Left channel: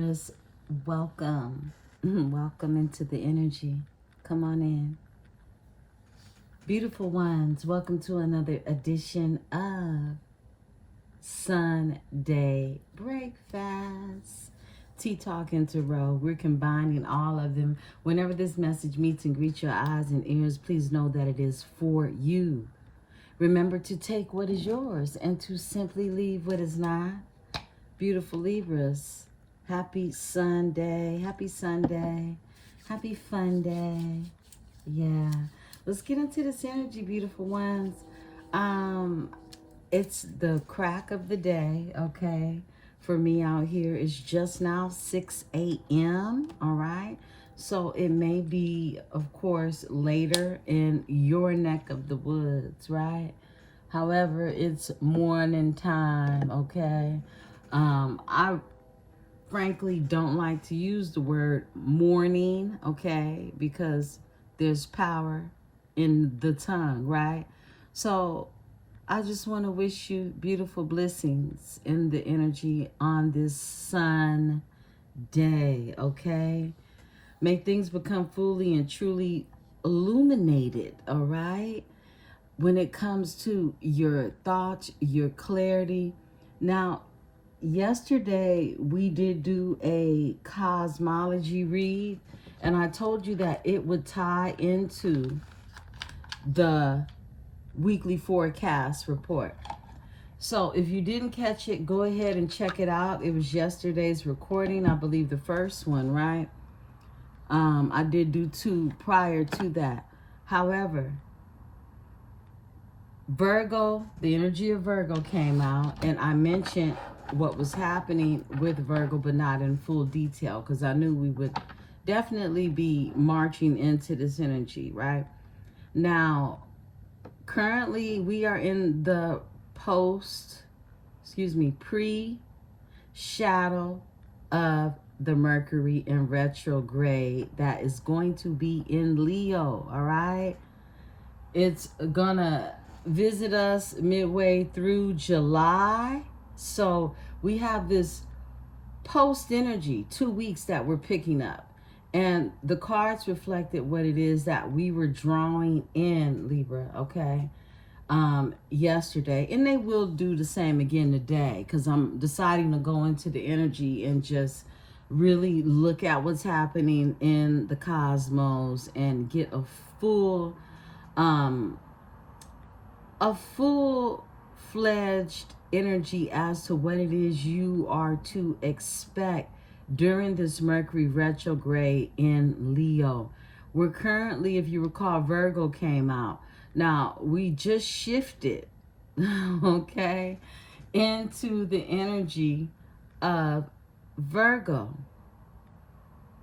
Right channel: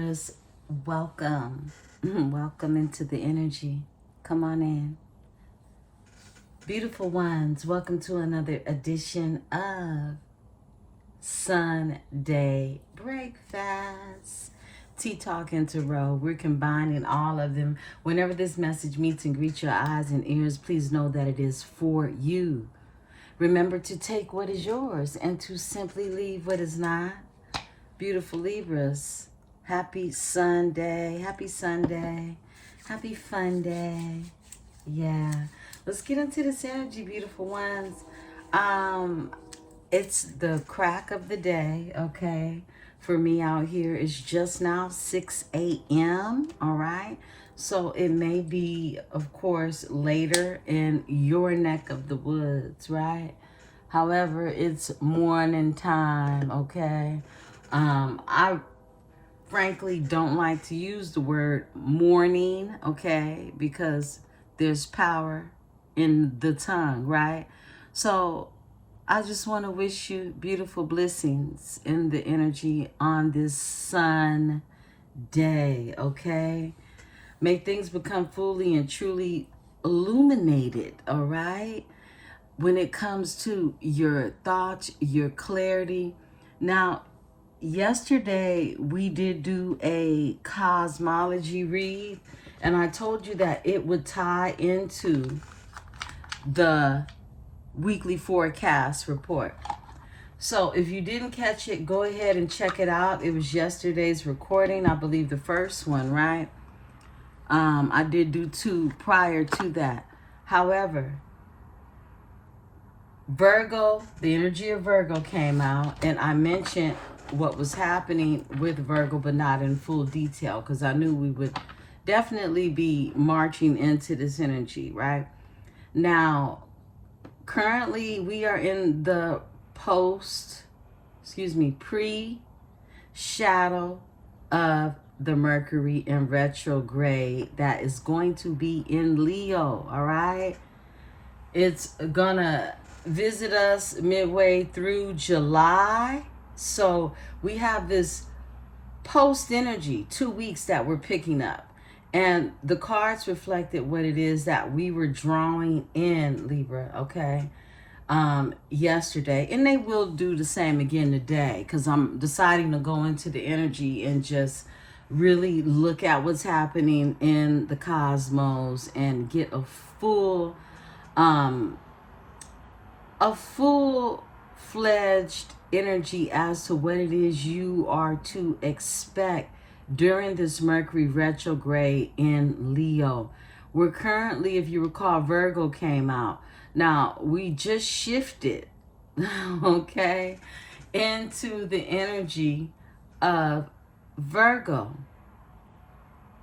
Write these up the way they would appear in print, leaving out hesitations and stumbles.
Libras, welcome. Welcome into the energy. Come on in. Beautiful ones, welcome to another edition of Sunday Breakfast. Tea Talk and Tarot. We're combining all of them. Whenever this message meets and greets your eyes and ears, please know that it is for you. Remember to take what is yours and to simply leave what is not. Beautiful Libras, happy Sunday, happy Sunday, happy fun day. Yeah, let's get into this energy, beautiful ones. It's the crack of the day, okay? For me out here, it's just now 6 a.m., all right? So it may be, of course, later in your neck of the woods, right? However, it's morning time, okay? I frankly don't like to use the word morning, okay? Because there's power in the tongue, right? So I just want to wish you beautiful blessings in the energy on this sun day, okay? May things become fully and truly illuminated, all right? When it comes to your thoughts, your clarity. Now, yesterday we did do a cosmology read, and I told you that it would tie into the weekly forecast report. So if you didn't catch it, go ahead and check it out. It was yesterday's recording, I believe the first one, right? I did do two prior to that. However, Virgo, the energy of Virgo came out, and I mentioned what was happening with Virgo, but not in full detail, because I knew we would definitely be marching into this energy, right? Now, currently we are in the pre-shadow of the Mercury in retrograde that is going to be in Leo, all right? It's gonna visit us midway through July. So we have this post energy, 2 weeks that we're picking up. And the cards reflected what it is that we were drawing in, Libra, okay? Yesterday. And they will do the same again today, because I'm deciding to go into the energy and just really look at what's happening in the cosmos and get a full-fledged energy as to what it is you are to expect during this Mercury retrograde in Leo. We're currently, if you recall, Virgo came out. Now, we just shifted, okay, into the energy of Virgo,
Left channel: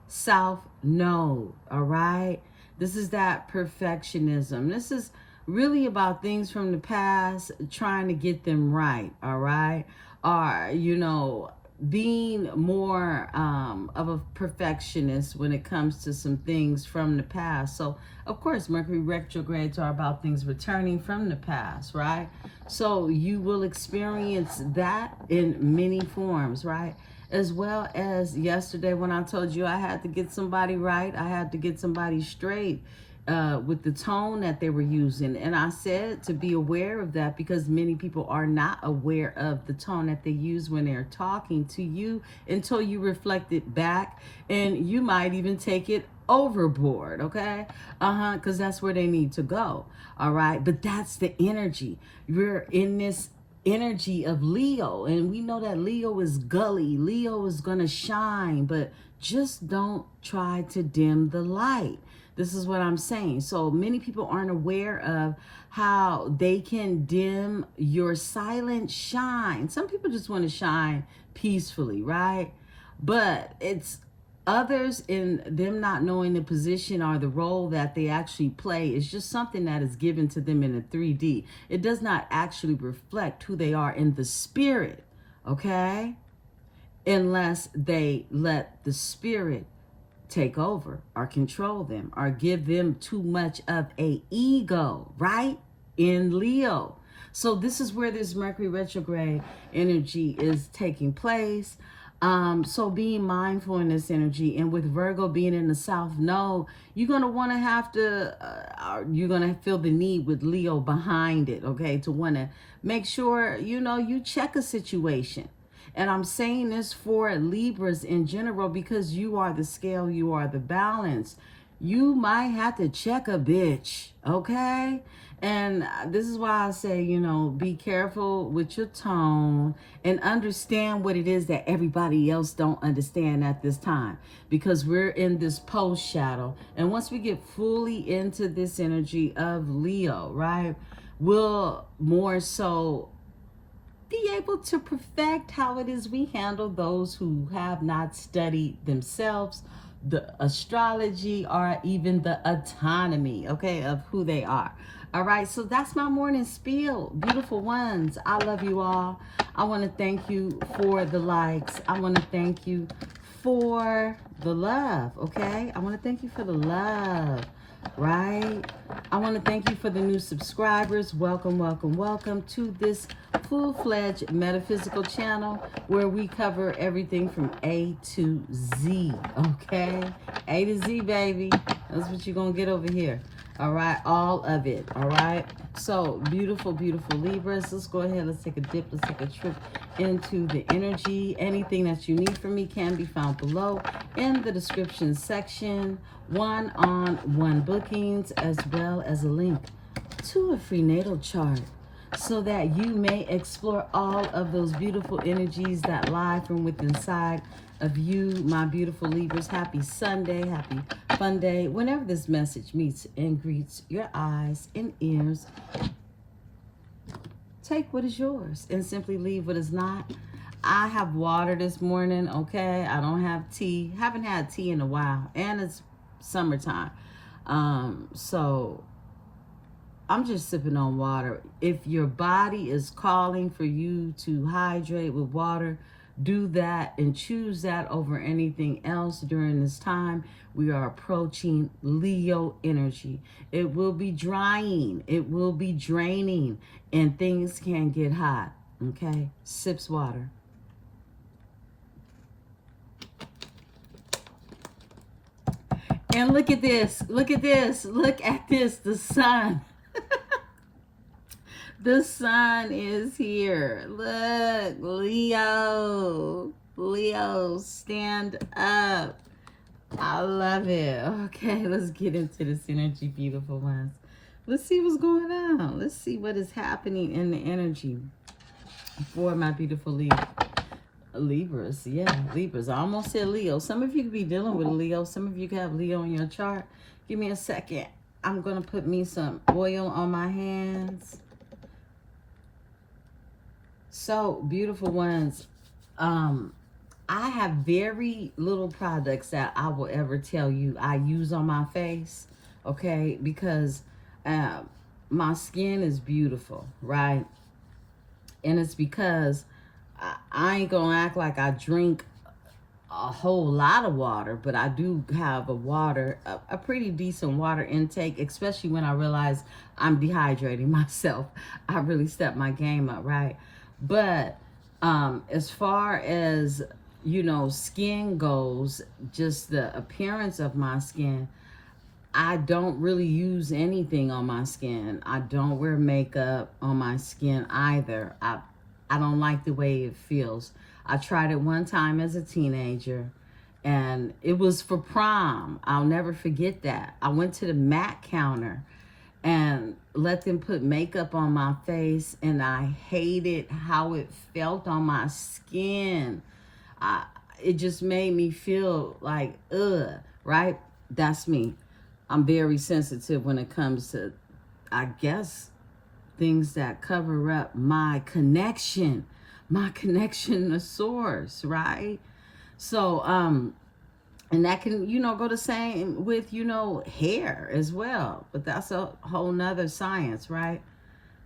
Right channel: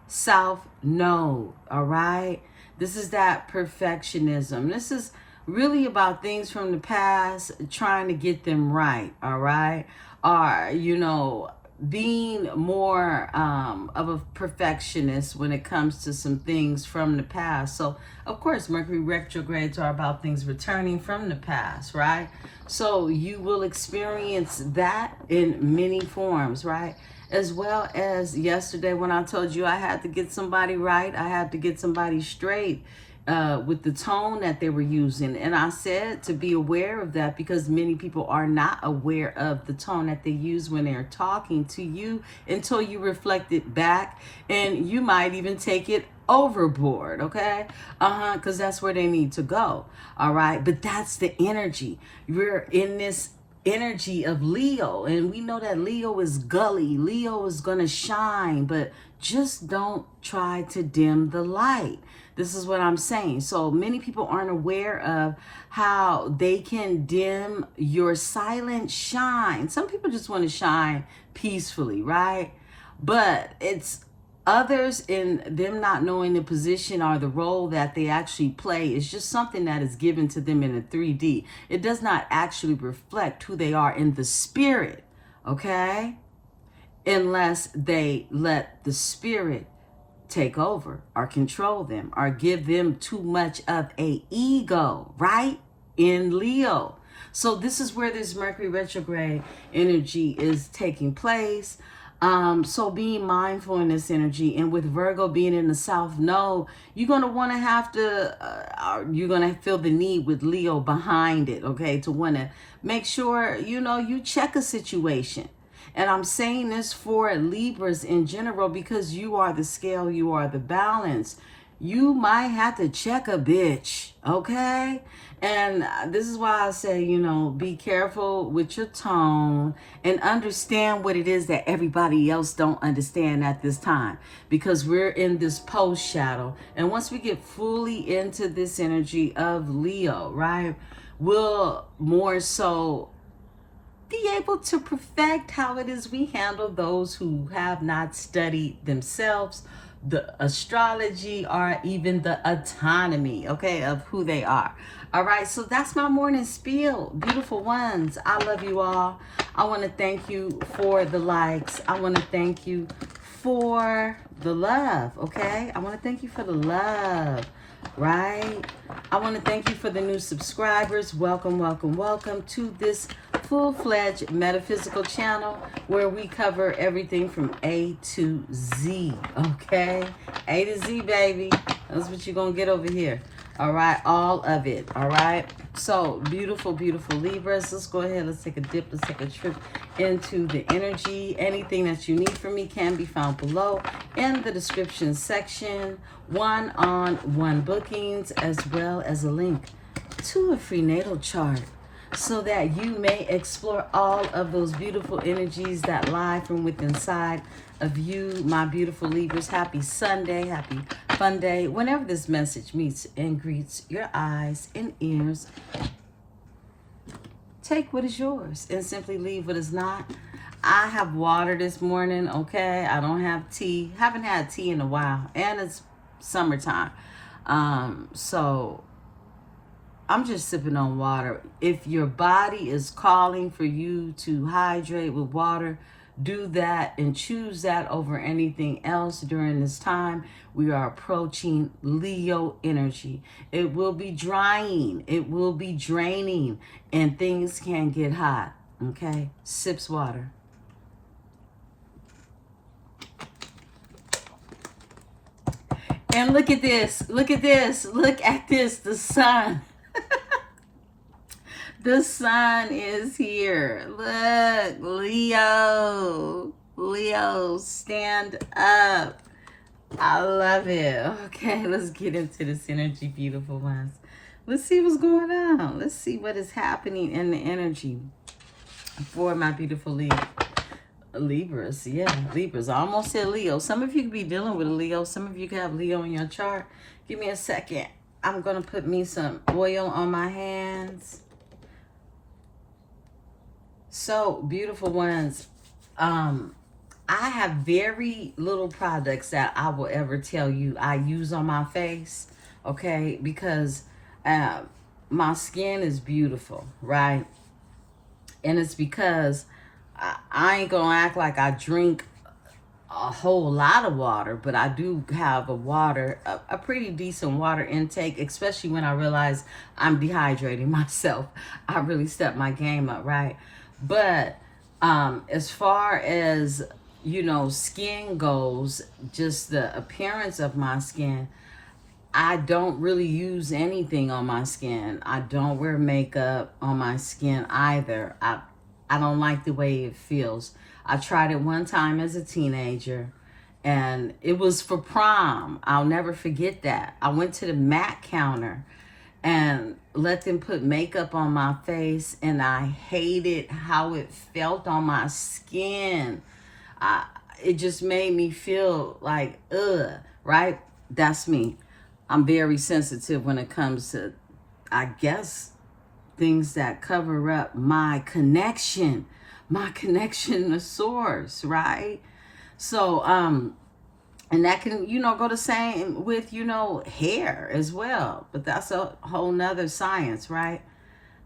South Node, all right? This is that perfectionism. This is really about things from the past, trying to get them right, all right? Or, being more of a perfectionist when it comes to some things from the past. So, of course, Mercury retrogrades are about things returning from the past, right? So you will experience that in many forms, right? As well as yesterday when I told you I had to get somebody right, I had to get somebody straight with the tone that they were using. And I said to be aware of that, because many people are not aware of the tone that they use when they're talking to you until you reflect it back, and you might even take it overboard, okay? Because that's where they need to go, all right? But that's the energy. You're in this energy of Leo, and we know that Leo is gully. Leo is gonna shine, but just don't try to dim the light. This is what I'm saying. So many people aren't aware of how they can dim your silent shine. Some people just want to shine peacefully, right? But it's others in them not knowing the position or the role that they actually play. It's just something that is given to them in a 3D. It does not actually reflect who they are in the spirit, okay? Unless they let the spirit take over or control them or give them too much of a ego, right? In Leo. So this is where this Mercury retrograde energy is taking place. So being mindful in this energy, and with Virgo being in the South Node, you're going to want to have to, you're going to feel the need with Leo behind it, okay, to want to make sure, you check a situation. And I'm saying this for Libras in general because you are the scale, you are the balance. You might have to check a bitch, okay? And this is why I say, be careful with your tone and understand what it is that everybody else don't understand at this time, because we're in this post shadow. And once we get fully into this energy of Leo, right, we'll more so be able to perfect how it is we handle those who have not studied themselves, the astrology, or even the autonomy, okay, of who they are. All right, so that's my morning spiel. Beautiful ones, I love you all. I want to thank you for the likes. I want to thank you for the love, okay? I want to thank you for the love, right? I want to thank you for the new subscribers. Welcome, welcome, welcome to this full-fledged metaphysical channel where we cover everything from A to Z, okay? A to Z, baby. That's what you're going to get over here. All right, all of it, all right? So, beautiful, beautiful Libras. Let's go ahead. Let's take a dip. Let's take a trip into the energy. Anything that you need from me can be found below in the description section. One-on-one bookings, as well as a link to a free natal chart, so that you may explore all of those beautiful energies that lie from within inside of you, my beautiful Libras. Happy Sunday, happy fun day. Whenever this message meets and greets your eyes and ears, take what is yours and simply leave what is not. I have water this morning, okay? I don't have tea. Haven't had tea in a while, and it's summertime. So I'm just sipping on water. If your body is calling for you to hydrate with water, do that and choose that over anything else during this time. We are approaching Leo energy. It will be drying, it will be draining, and things can get hot, okay? Sips water. And look at this, look at this, look at this, the sun. The sun is here. Look, Leo. Leo, stand up. I love it. Okay, let's get into this energy, beautiful ones. Let's see what's going on. Let's see what is happening in the energy for my beautiful Libras. Yeah, Libras. I almost said Leo. Some of you could be dealing with Leo. Some of you could have Leo in your chart. Give me a second. I'm going to put me some oil on my hands. So, beautiful ones, I have very little products that I will ever tell you I use on my face, okay, because my skin is beautiful, right? And it's because I ain't gonna act like I drink a whole lot of water, but I do have a pretty decent water intake, especially when I realize I'm dehydrating myself. I really step my game up, right? But as far as, skin goes, just the appearance of my skin, I don't really use anything on my skin. I don't wear makeup on my skin either. I don't like the way it feels. I tried it one time as a teenager, and it was for prom. I'll never forget that. I went to the MAC counter and let them put makeup on my face, and I hated how it felt on my skin. It just made me feel like, ugh, right? That's me. I'm very sensitive when it comes to, I guess, things that cover up my connection to source, right? So, and that can, go the same with, hair as well. But that's a whole nother science, right?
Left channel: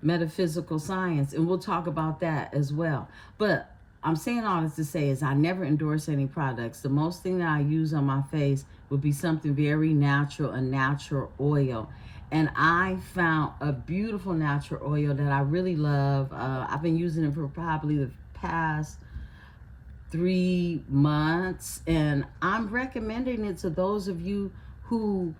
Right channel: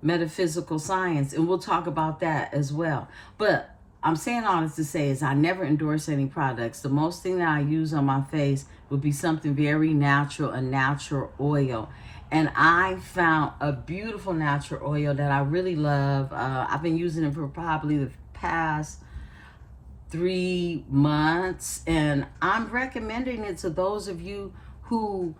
Metaphysical science. And we'll talk about that as well. But I'm saying all this to say is I never endorse any products. The most thing that I use on my face would be something very natural, a natural oil. And I found a beautiful natural oil that I really love. I've been using it for probably the past 3 months, and I'm recommending it to those of you who,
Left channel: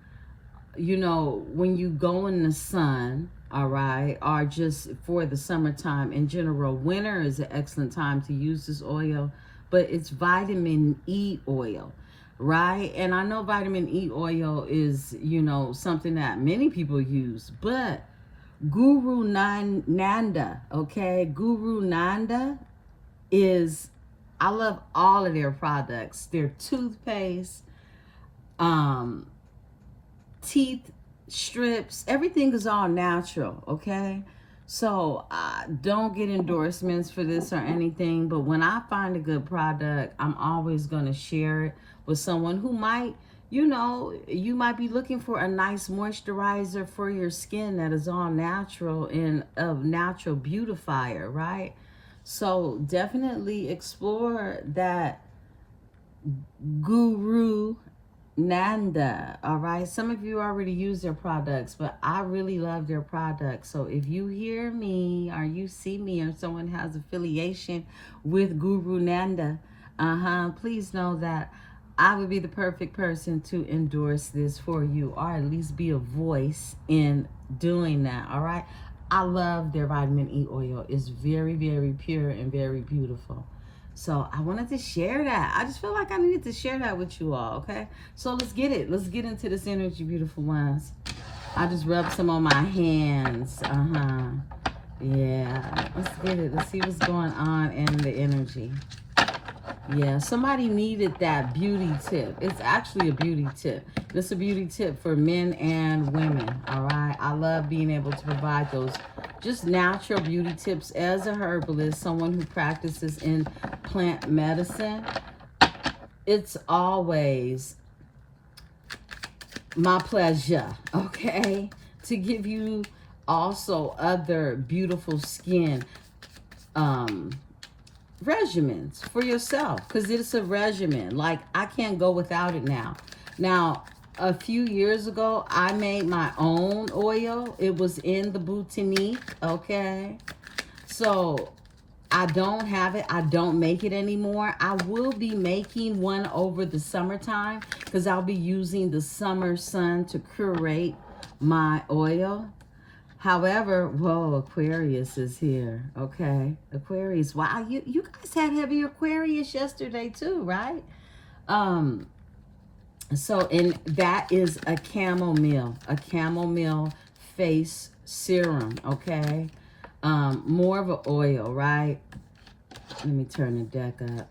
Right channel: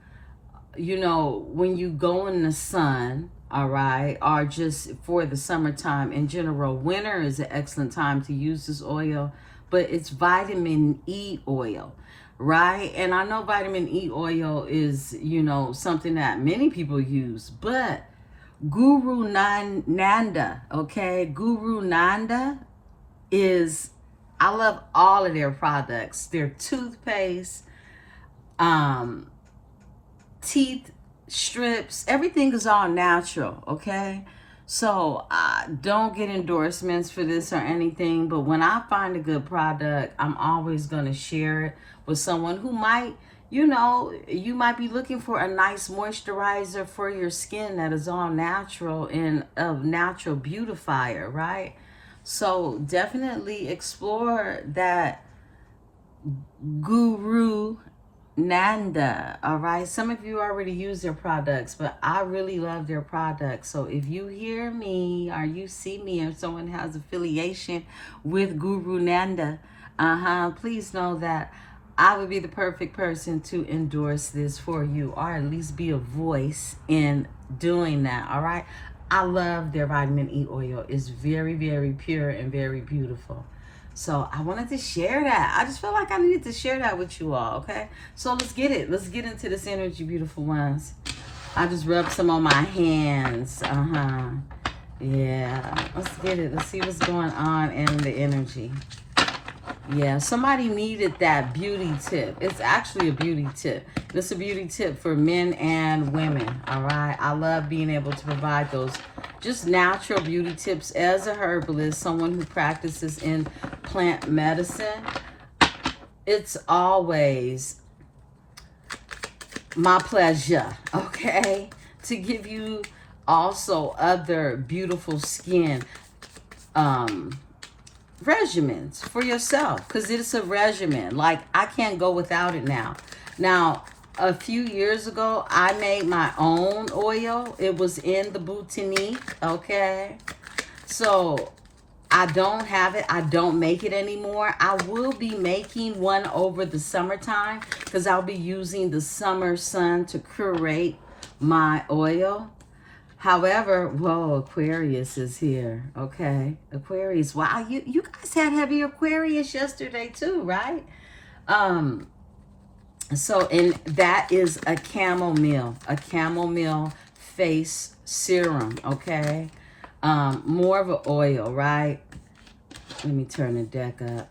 you know, when you go in the sun, all right, or just for the summertime in general. Winter is an excellent time to use this oil, but it's vitamin E oil, right? And I know vitamin E oil is, you know, something that many people use, but Guru Nanda, okay? Guru Nanda is, I love all of their products. Their toothpaste, um, teeth strips, everything is all natural, okay? So don't get endorsements for this or anything, but when I find a good product, I'm always going to share it with someone who might, you know, you might be looking for a nice moisturizer for your skin that is all natural and of natural beautifier, right? So definitely explore that Guru Nanda, all right? Some of you already use their products, but I really love their products. So if you hear me or you see me or someone has affiliation with Guru Nanda, please know that I would be the perfect person to endorse this for you, or at least be a voice in doing that, all right? I love their vitamin E oil. It's very, very pure and very beautiful. So I wanted to share that. I just feel like I needed to share that with you all, okay? So let's get it. Let's get into this energy, beautiful ones. I just rub some on my hands. Yeah. Let's get it. Let's see what's going on in the energy. Yeah, somebody needed that beauty tip. It's actually a beauty tip. It's a beauty tip for men and women, all right? I love being able to provide those just natural beauty tips as a herbalist, someone who practices in plant medicine. It's always my pleasure, okay, to give you also other beautiful skin regimens for yourself, because it's a regimen. Like, I can't go without it now. Now, a few years ago, I made my own oil. It was in the boutique, okay? So I don't have it. I don't make it anymore. I will be making one over the summertime, because I'll be using the summer sun to curate my oil. However, whoa, Aquarius is here, okay? Aquarius, wow, you guys had heavy Aquarius yesterday too, right? So, and that is a chamomile face serum, okay? More of an oil, right? Let me turn the deck up.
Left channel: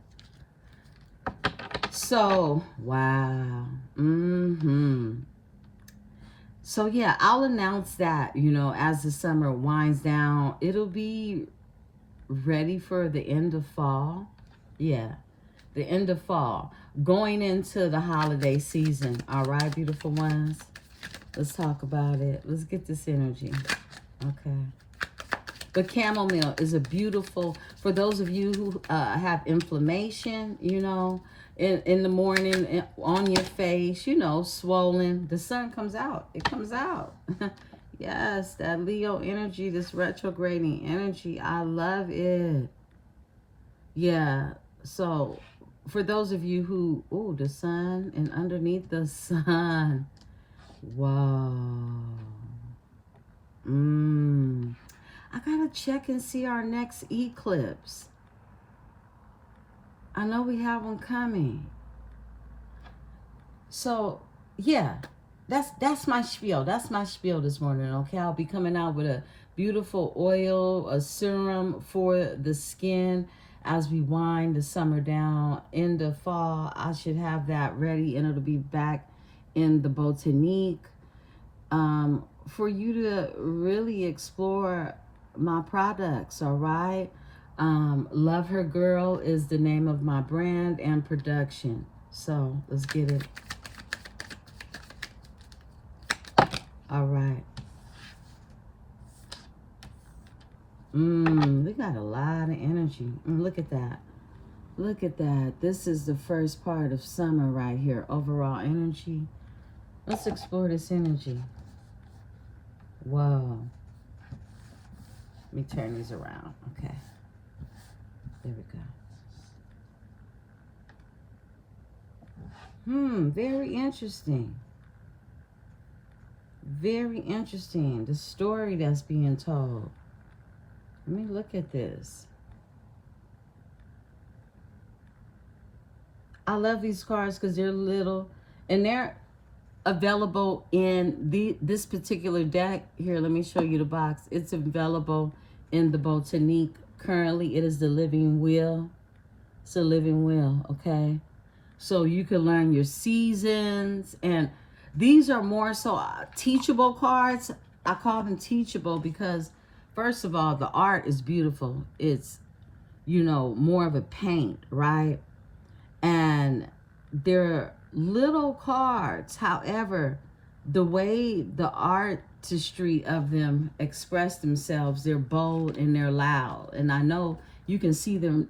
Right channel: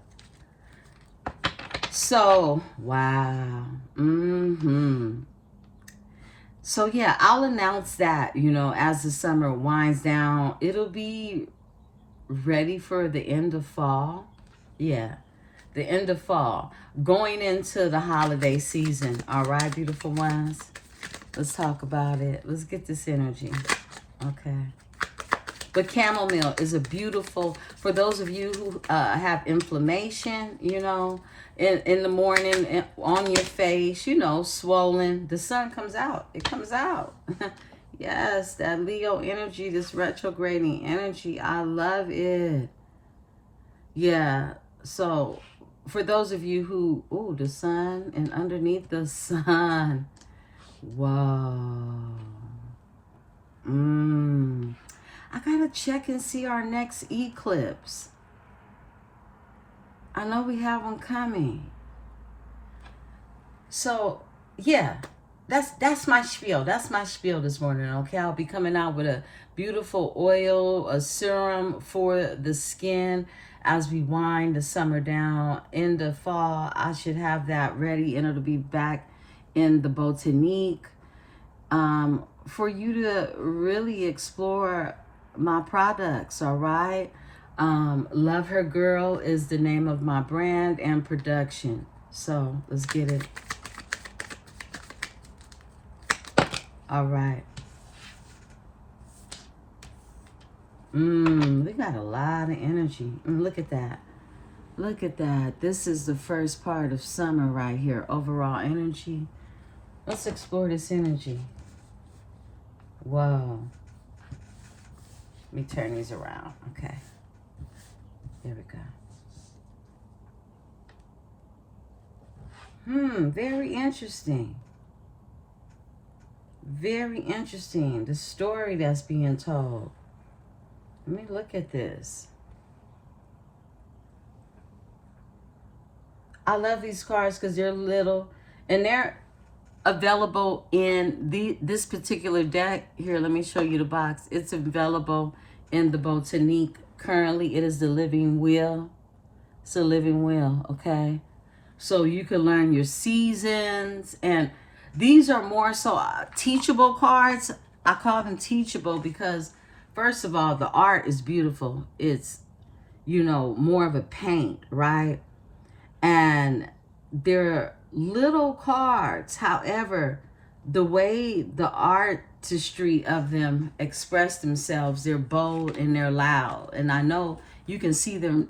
So, wow, So yeah, I'll announce that, you know, as the summer winds down. It'll be ready for the end of fall. Yeah, the end of fall. Going into the holiday season. All right, beautiful ones. Let's talk about it. Let's get this energy. Okay. The chamomile is a beautiful, for those of you who have inflammation, you know, in the morning on your face, you know, swollen. The sun comes out. It comes out. Yes, that Leo energy, this retrograding energy. I love it. Yeah. So for those of you who, oh, the sun and underneath the sun. Whoa. I gotta check and see our next eclipse. I know we have one coming. So, yeah, that's my spiel. That's my spiel this morning, okay? I'll be coming out with a beautiful oil, a serum for the skin as we wind the summer down. In the fall, I should have that ready, and it'll be back in the boutique for you to really explore my products, all right? Love Her Girl is the name of my brand and production. So let's get it. All right. We got a lot of energy. Look at that. Look at that. This is the first part of summer right here. Overall energy. Let's explore this energy. Whoa. Let me turn these around. Okay. There we go. Very interesting. Very interesting. The story that's being told. Let me look at this. I love these cards because they're little and they're available in this particular deck. Here, let me show you the box. It's available in the Botanique. Currently, it is the Living Wheel. It's a living wheel, okay? So you can learn your seasons, and these are more so teachable cards. I call them teachable because, first of all, the art is beautiful. It's, you know, more of a paint, right? And they're little cards. However, the way the artistry of them express themselves, they're bold and they're loud. And I know you can see them,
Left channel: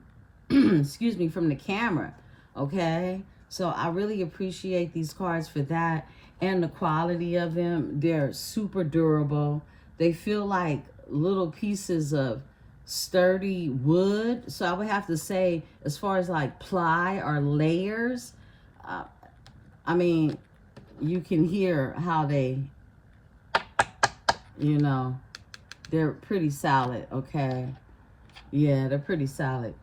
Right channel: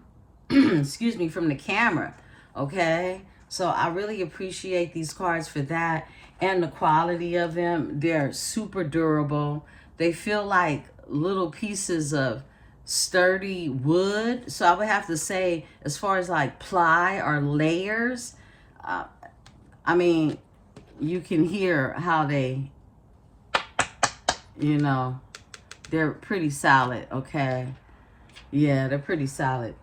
excuse me, from the camera, okay? So I really appreciate these cards for that, and the quality of them. They're super durable. They feel like little pieces of sturdy wood. So I would have to say, as far as like ply or layers, I mean, you can hear how they, you know, they're pretty solid, okay? Yeah, they're pretty solid.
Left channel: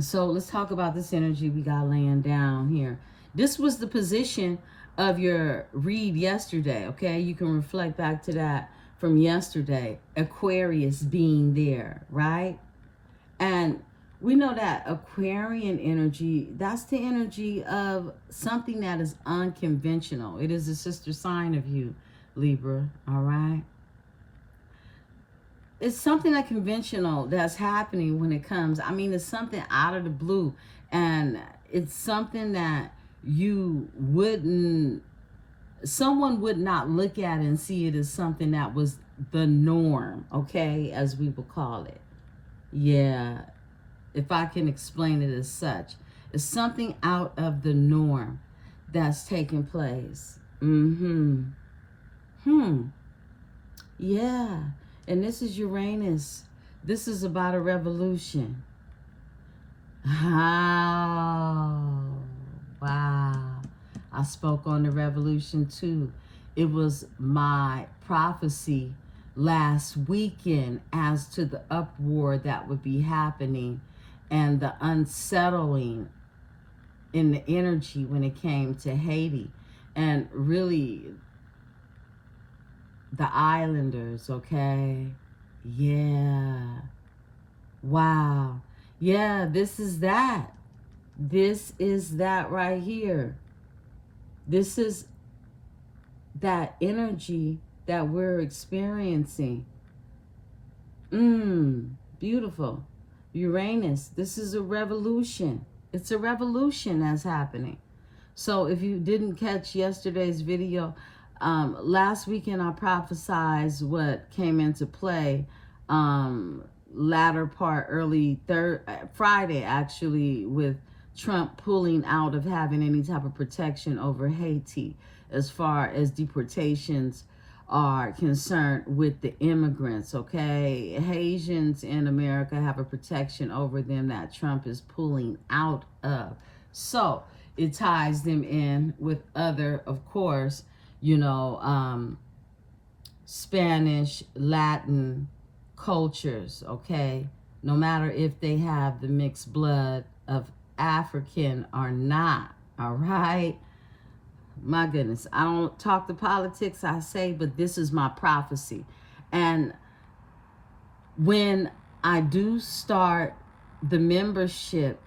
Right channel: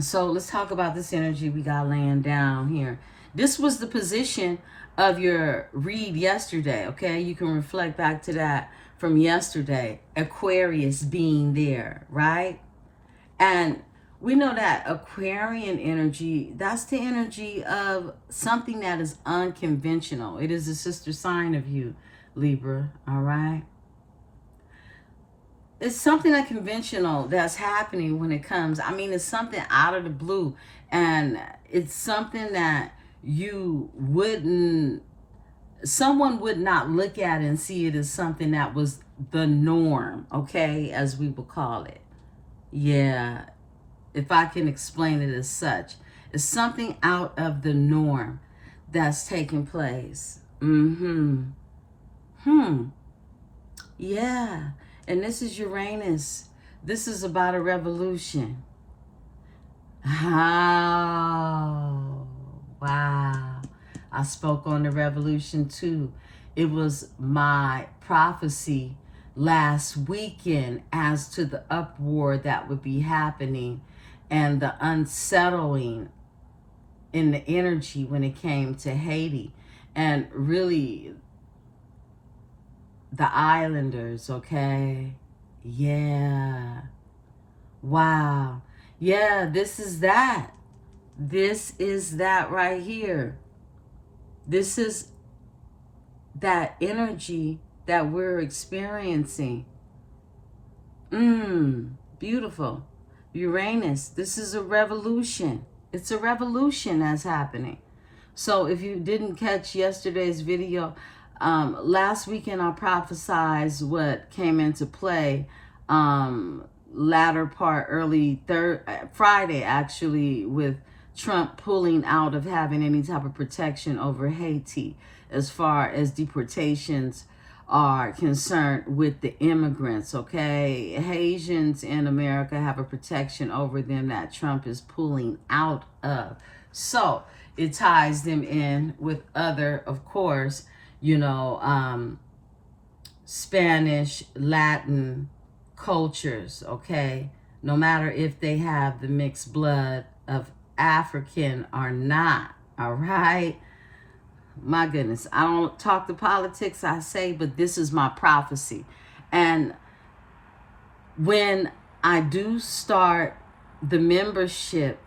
So let's talk about this energy we got laying down here. This was the position of your read yesterday, okay? You can reflect back to that from yesterday. Aquarius being there, right? And we know that Aquarian energy, that's the energy of something that is unconventional. It is a sister sign of you, Libra, all right? It's something unconventional that's happening when it comes. I mean, it's something out of the blue, and it's something that you wouldn't, someone would not look at and see it as something that was the norm, okay, as we would call it. Yeah, if I can explain it as such. It's something out of the norm that's taking place. Yeah. And this is Uranus. This is about a revolution. Oh, wow. I spoke on the revolution too. It was my prophecy last weekend as to the uproar that would be happening and the unsettling in the energy when it came to Haiti. And really, the islanders, okay? Yeah. Wow. Yeah, this is that. This is that right here. This is that energy that we're experiencing. Beautiful. Uranus, this is a revolution. It's a revolution that's happening. So if you didn't catch yesterday's video, last weekend I prophesied what came into play latter part, early Friday actually, with Trump pulling out of having any type of protection over Haiti as far as deportations are concerned with the immigrants, okay? Haitians in America have a protection over them that Trump is pulling out of. So it ties them in with other, of course, you know, Spanish, Latin cultures, okay? No matter if they have the mixed blood of African or not, all right? My goodness, I don't talk the politics, I say, but this is my prophecy. And when I do start the membership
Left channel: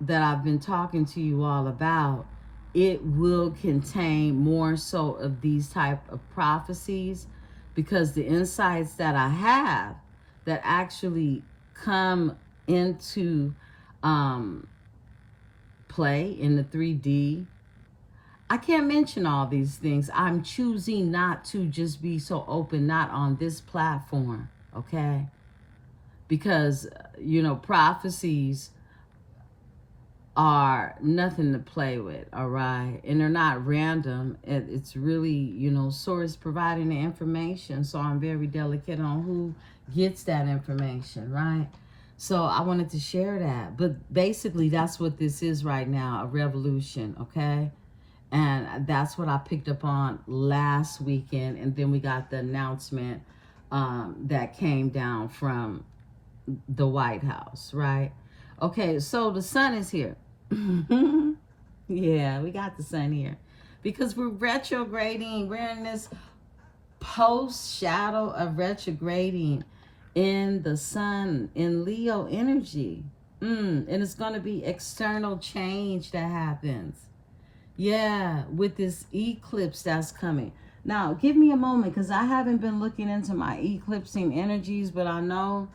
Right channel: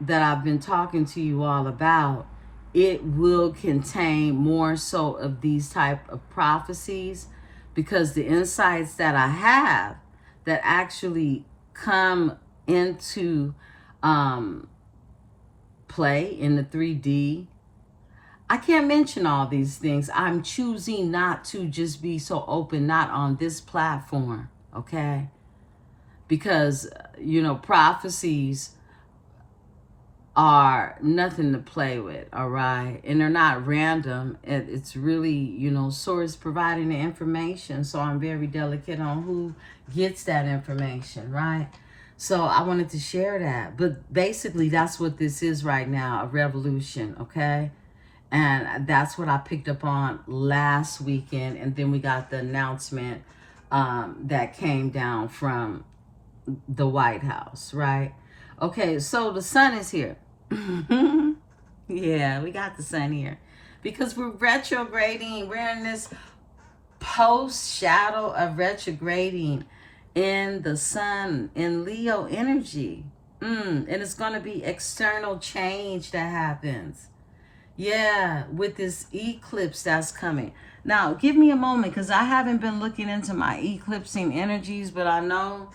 that I've been talking to you all about, it will contain more so of these type of prophecies, because the insights that I have that actually come into play in the 3D, I can't mention all these things. I'm choosing not to just be so open, not on this platform, okay? Because, you know, prophecies are nothing to play with, all right? And they're not random. It's really, you know, source providing the information. So I'm very delicate on who gets that information, right? So I wanted to share that. But basically, that's what this is right now, a revolution, okay? And that's what I picked up on last weekend. And then we got the announcement that came down from the White House, right? Okay, so the sun is here. Yeah, we got the sun here. Because we're retrograding. We're in this post shadow of retrograding in the sun, in Leo energy. And it's going to be external change that happens. Yeah, with this eclipse that's coming. Now, give me a moment because I haven't been looking into my eclipsing energies, but I know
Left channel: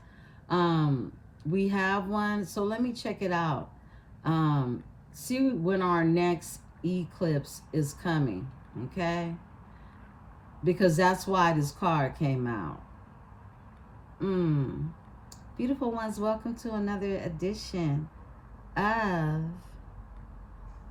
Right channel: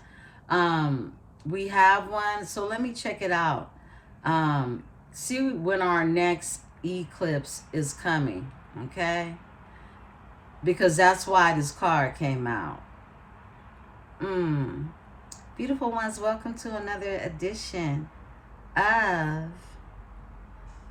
we have one. So let me check it out. See when our next eclipse is coming, okay? Because that's why this card came out. Beautiful ones, welcome to another edition of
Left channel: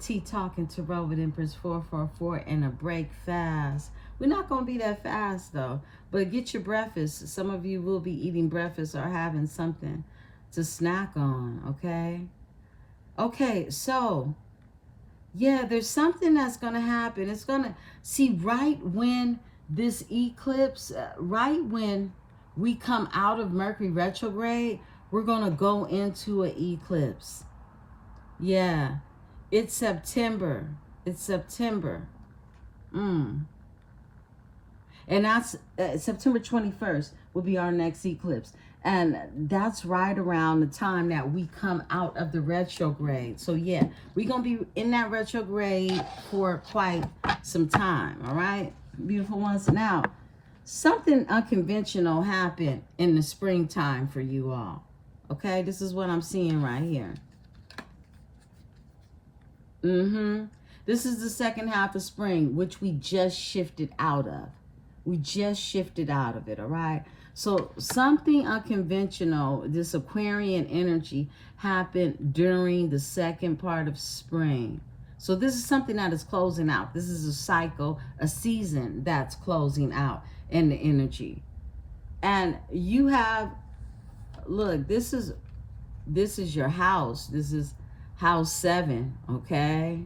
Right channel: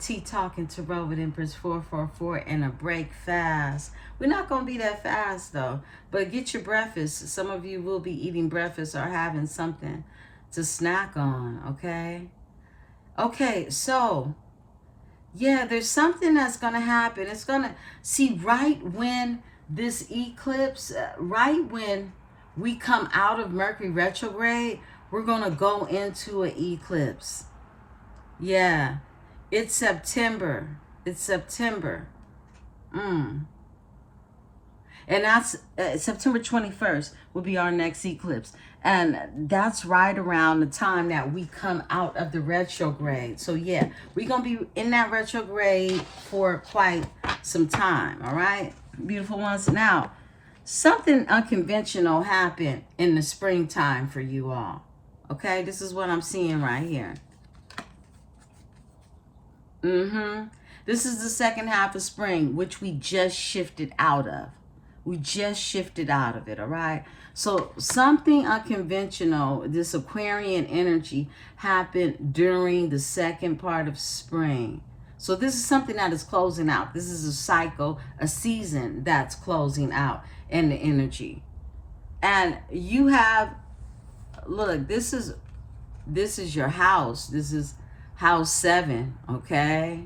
Tea Talking Tarot with Empress 444 and a break fast. We're not going to be that fast though, but get your breakfast. Some of you will be eating breakfast or having something to snack on, okay? Okay, so yeah, there's something that's going to happen. It's going to, see, right when this eclipse, right when we come out of Mercury retrograde, we're going to go into an eclipse. Yeah, it's September. It's September. And that's September 21st will be our next eclipse. And that's right around the time that we come out of the retrograde. So yeah, we're going to be in that retrograde for quite some time. All right, beautiful ones. Now, something unconventional happened in the springtime for you all. Okay, this is what I'm seeing right here. This is the second half of spring, which we just shifted out of. We just shifted out of it, all right? So something unconventional, this Aquarian energy, happened during the second part of spring. So this is something that is closing out. This is a cycle, a season that's closing out in the energy. And you have, look, this is your house. This is house 7, okay?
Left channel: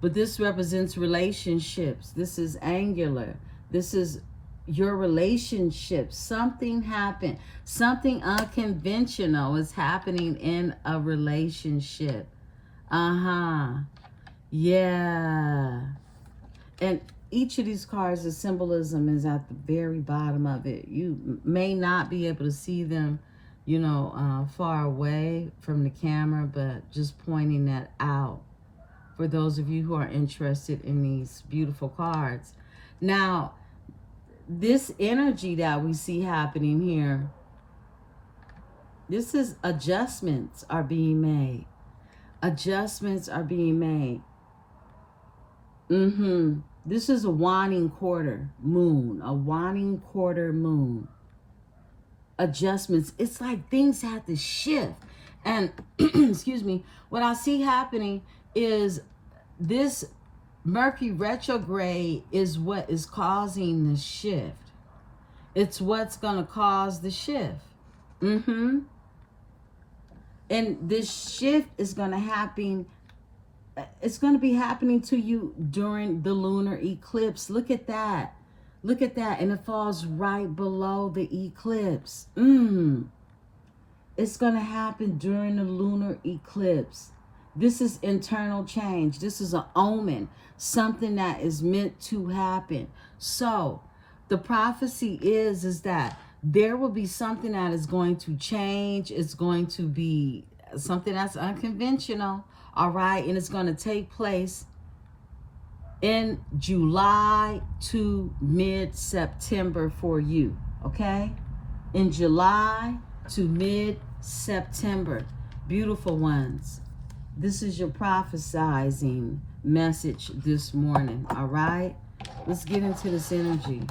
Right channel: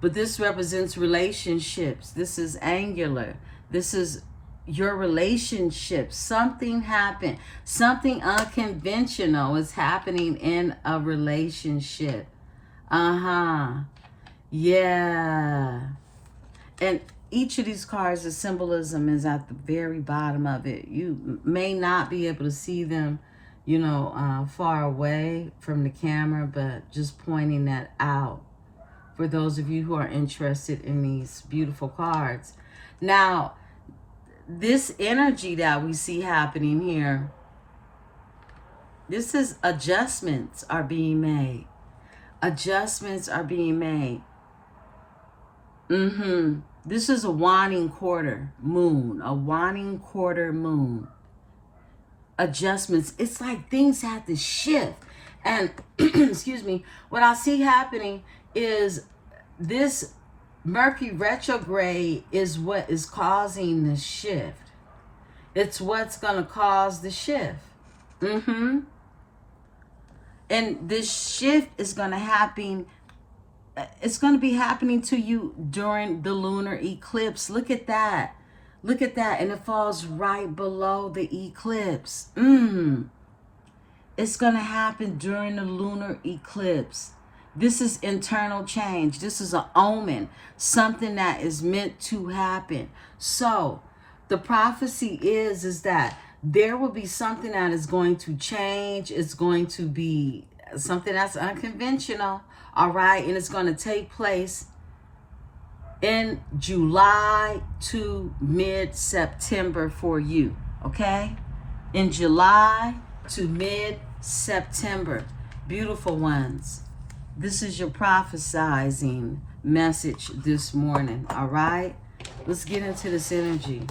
But this represents relationships. This is angular. This is your relationship. Something happened. Something unconventional is happening in a relationship. Yeah. And each of these cards, the symbolism is at the very bottom of it. You may not be able to see them, you know, far away from the camera, but just pointing that out for those of you who are interested in these beautiful cards. Now, this energy that we see happening here, this is adjustments are being made. Adjustments are being made. This is a waning quarter moon, a waning quarter moon. Adjustments. It's like things have to shift. And, excuse me, what I see happening is this Mercury retrograde is what is causing the shift. It's what's going to cause the shift. And this shift is going to happen. It's going to be happening to you during the lunar eclipse. Look at that. Look at that. And it falls right below the eclipse. It's going to happen during the lunar eclipse. This is internal change. This is an omen, something that is meant to happen. So the prophecy is that there will be something that is going to change. It's going to be something that's unconventional, all right? And it's going to take place in July to mid-September for you, okay? In July to mid-September. Beautiful ones. This is your prophesizing message this morning, all right? Let's get into this energy.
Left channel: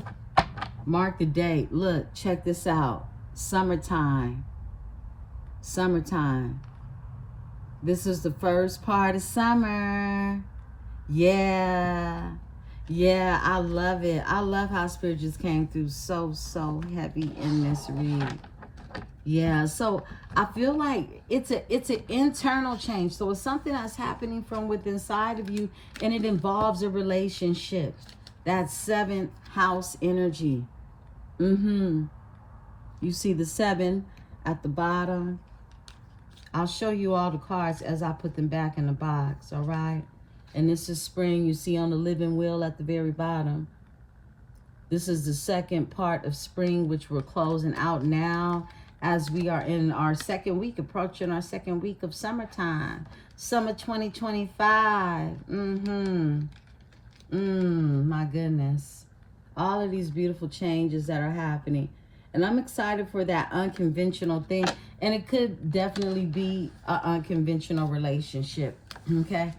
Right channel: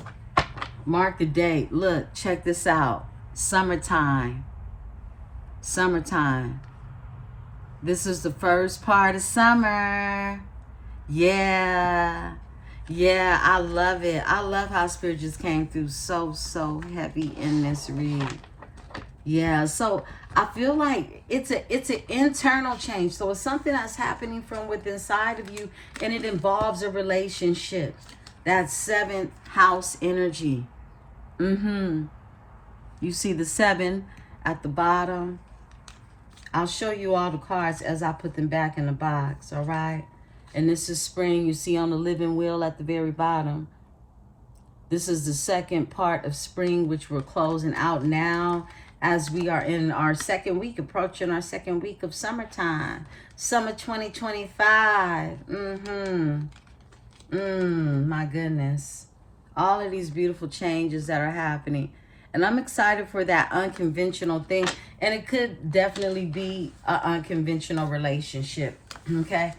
Mark the date. Look, check this out. Summertime. Summertime. This is the first part of summer. Yeah. Yeah, I love it. I love how Spirit just came through so heavy in this read. Yeah, so I feel like it's an internal change. So it's something that's happening from within inside of you, and it involves a relationship. That seventh house energy. Mm-hmm. You see the seven at the bottom. I'll show you all the cards as I put them back in the box, all right? And this is spring. You see on the living wheel at the very bottom. This is the second part of spring, which we're closing out now as we are in our second week, approaching our second week of summertime. Summer 2025. My goodness. All of these beautiful changes that are happening. And I'm excited for that unconventional thing. And it could definitely be an unconventional relationship. Okay?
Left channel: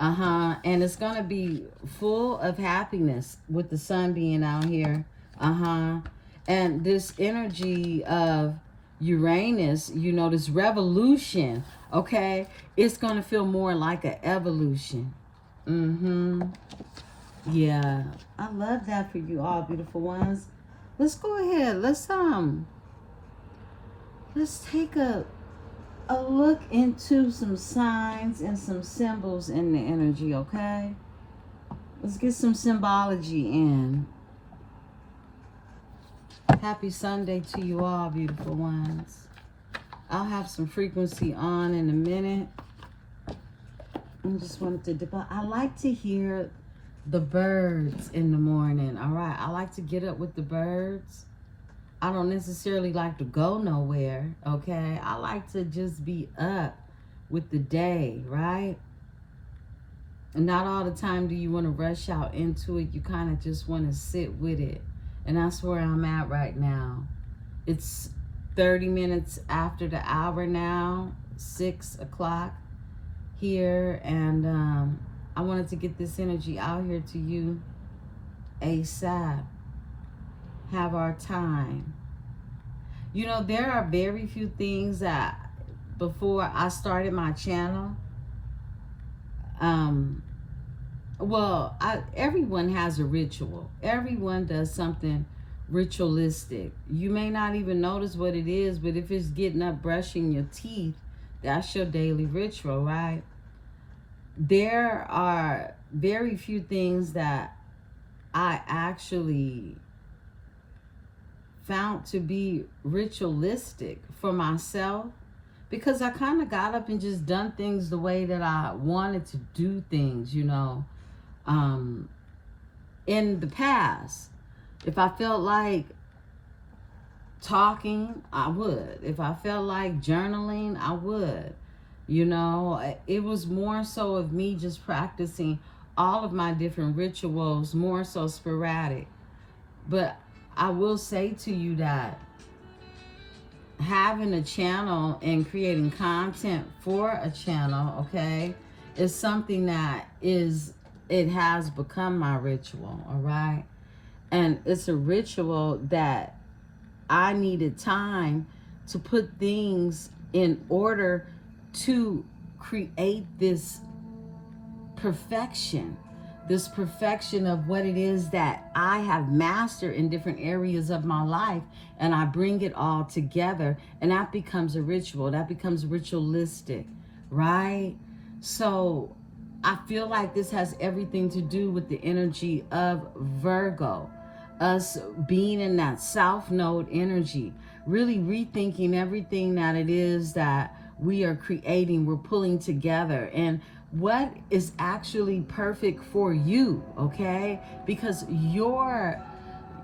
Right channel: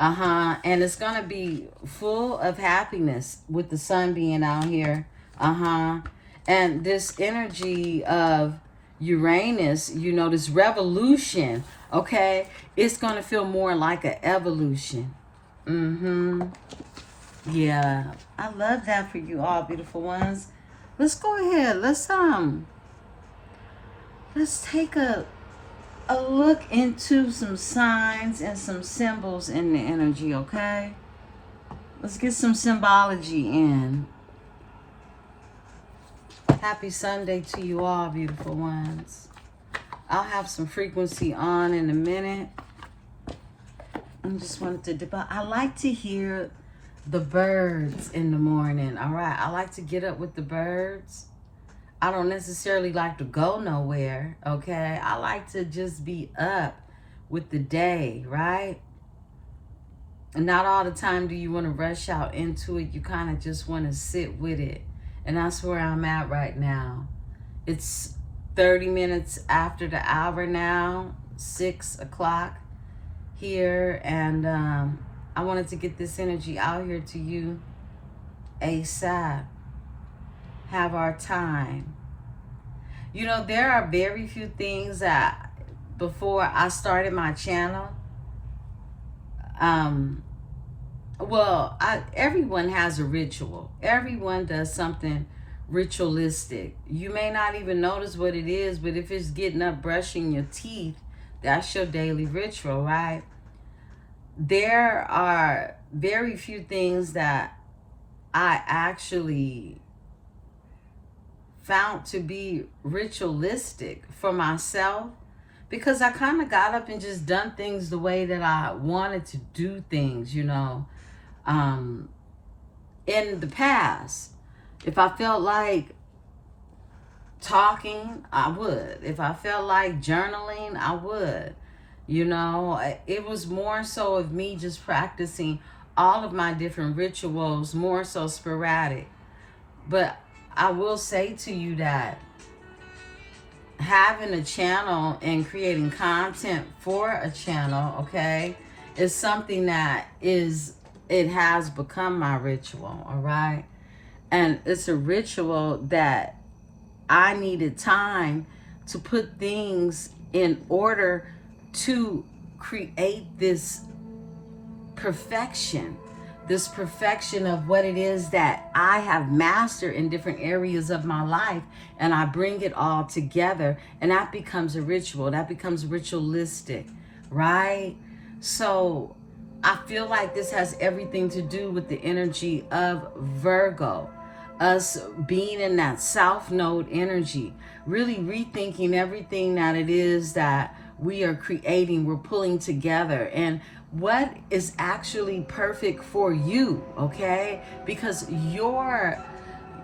And it's going to be full of happiness with the sun being out here. And this energy of Uranus, you know, this revolution, okay? It's going to feel more like an evolution. Yeah. I love that for you all, beautiful ones. Let's go ahead. Let's take a look into some signs and some symbols in the energy, okay? Let's get some symbology in. Happy Sunday to you all, beautiful ones. I'll have some frequency on in a minute. I just wanted to, I like to hear the birds in the morning, all right? I like to get up with the birds. I don't necessarily like to go nowhere, okay? I like to just be up with the day, right? And not all the time do you want to rush out into it. You kind of just want to sit with it. And that's where I'm at right now. It's 30 minutes after the hour now, 6 o'clock here. And I wanted to get this energy out here to you ASAP. Have our time. You know, there are very few things that before I started my channel, everyone has a ritual. Everyone does something ritualistic. You may not even notice what it is, but if it's getting up, brushing your teeth, that's your daily ritual, right? There are very few things that I actually found to be ritualistic for myself, because I kind of got up and just done things the way that I wanted to do things, you know. In the past, if I felt like talking, I would. If I felt like journaling, I would. You know, it was more so of me just practicing all of my different rituals, more so sporadic. But I will say to you that having a channel and creating content for a channel, okay, is something that it has become my ritual, all right? And it's a ritual that I needed time to put things in order to create this perfection of what it is that I have mastered in different areas of my life, and I bring it all together, and that becomes a ritual. That becomes ritualistic, right? So I feel like this has everything to do with the energy of Virgo, us being in that South Node energy, really rethinking everything that it is that we are creating, we're pulling together, and what is actually perfect for you, okay? Because your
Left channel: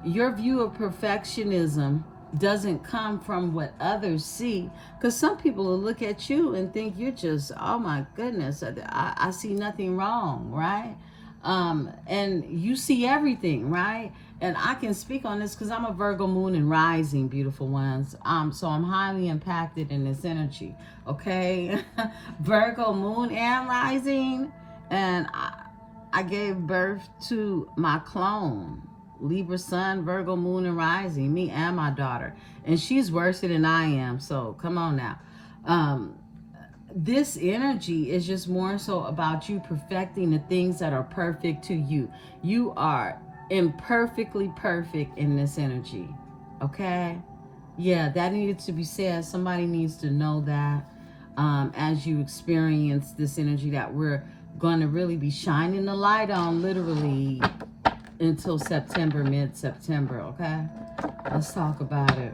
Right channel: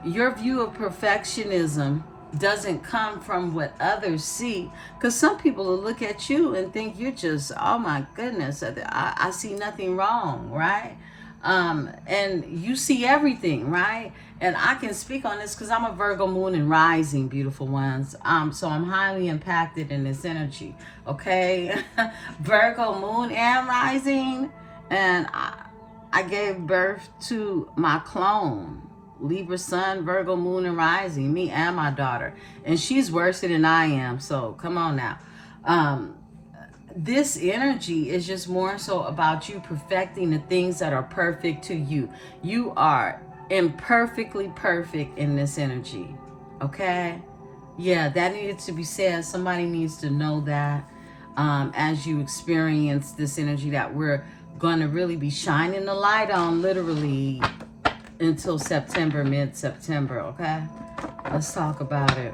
view of perfectionism doesn't come from what others see, because some people will look at you and think you're just, oh my goodness, I see nothing wrong, right? And you see everything, right? And I can speak on this because I'm a Virgo moon and rising, beautiful ones. So I'm highly impacted in this energy, okay? Virgo moon and rising, and I gave birth to my clone, Libra sun, Virgo moon and rising, me and my daughter. And she's worse than I am, so come on now. This energy is just more so about you perfecting the things that are perfect to you. You are imperfectly perfect in this energy, okay? Yeah, that needed to be said. Somebody needs to know that as you experience this energy that we're going to really be shining the light on literally until September, mid-September, okay? Let's talk about it.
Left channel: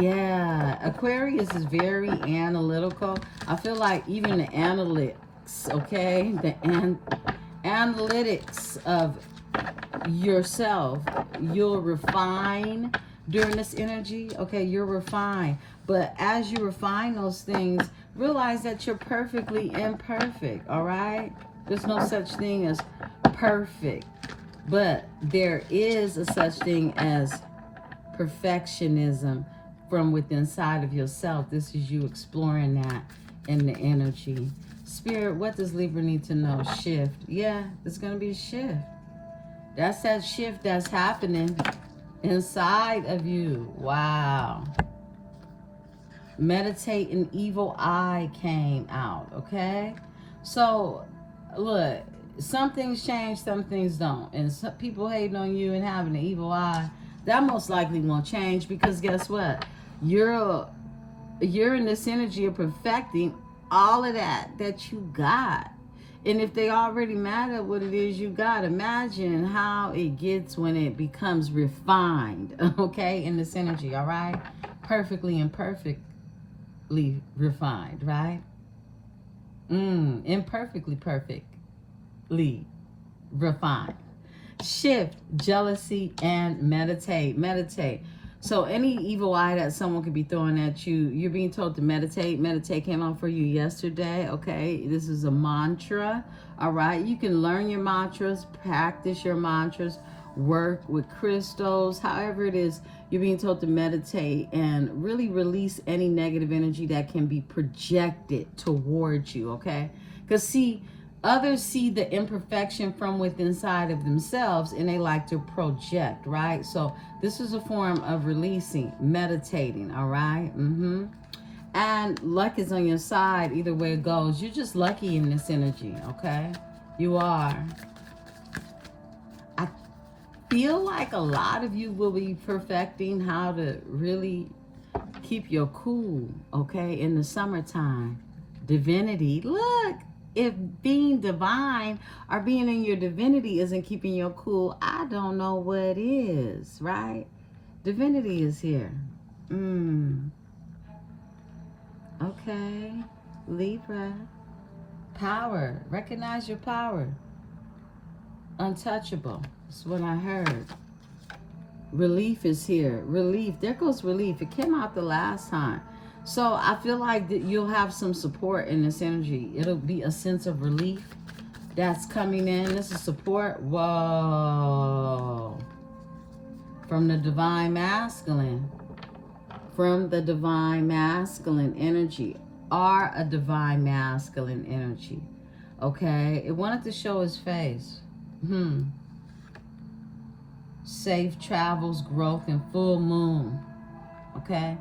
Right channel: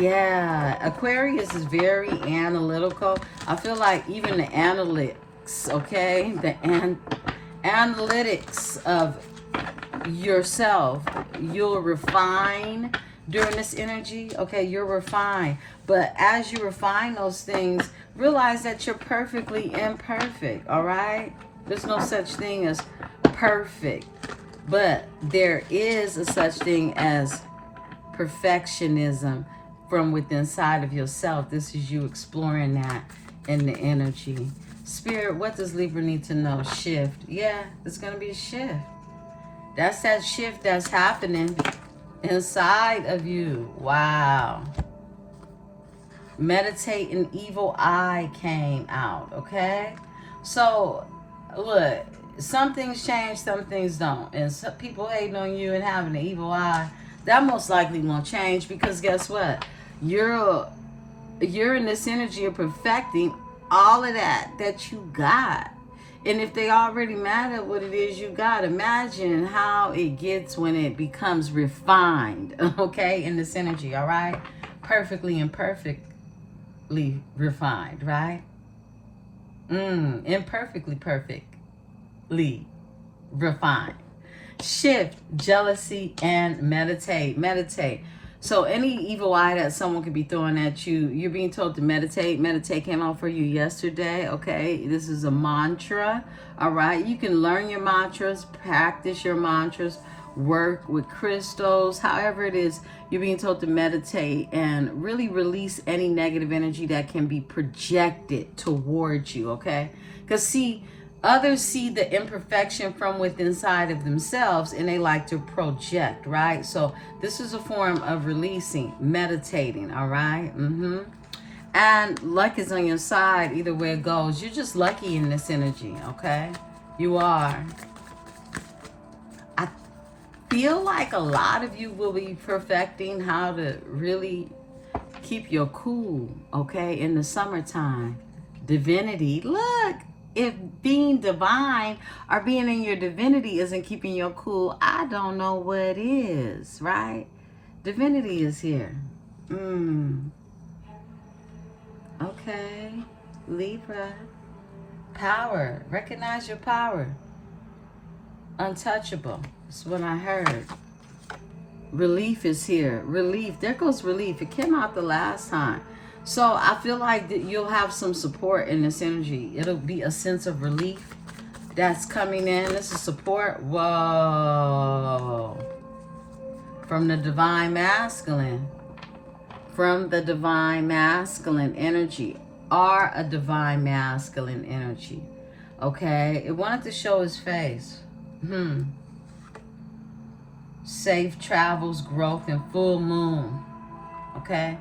Yeah, Aquarius is very analytical. I feel like even the analytics, okay? The analytics of yourself, you'll refine during this energy, okay? You'll refine. But as you refine those things, realize that you're perfectly imperfect, all right? There's no such thing as perfect. But there is a such thing as perfectionism from within inside of yourself. This is you exploring that in the energy. Spirit, what does Libra need to know? Shift. Yeah, it's going to be a shift. That's that shift that's happening inside of you. Wow. Meditate, an evil eye came out, okay? So, look, some things change, some things don't. And some people hating on you and having an evil eye, that most likely won't change, because guess what? You're in this energy of perfecting all of that you got. And if they already mad at what it is you got, imagine how it gets when it becomes refined, okay, in this energy, all right? Perfectly and perfectly refined, right? Imperfectly perfectly refined. Shift, jealousy, and meditate. Meditate. So any evil eye that someone could be throwing at you, you're being told to meditate. Meditate came out for you yesterday, okay? This is a mantra, all right? You can learn your mantras, practice your mantras, work with crystals, however it is. You're being told to meditate and really release any negative energy that can be projected towards you, okay? Because see, others see the imperfection from within inside of themselves and they like to project, right? So this is a form of releasing, meditating, all right? And luck is on your side either way it goes. You're just lucky in this energy, okay? You are. I feel like a lot of you will be perfecting how to really keep your cool, okay, in the summertime. Divinity, look. If being divine or being in your divinity isn't keeping you cool, I don't know what is, right? Divinity is here. Okay. Libra. Power. Recognize your power. Untouchable. That's what I heard. Relief is here. Relief. There goes relief. It came out the last time. So I feel like that you'll have some support in this energy. It'll be a sense of relief that's coming in. This is support. Whoa. From the divine masculine. From the divine masculine energy. Are a divine masculine energy. Okay. It wanted to show his face. Safe travels, growth, and full moon. Okay.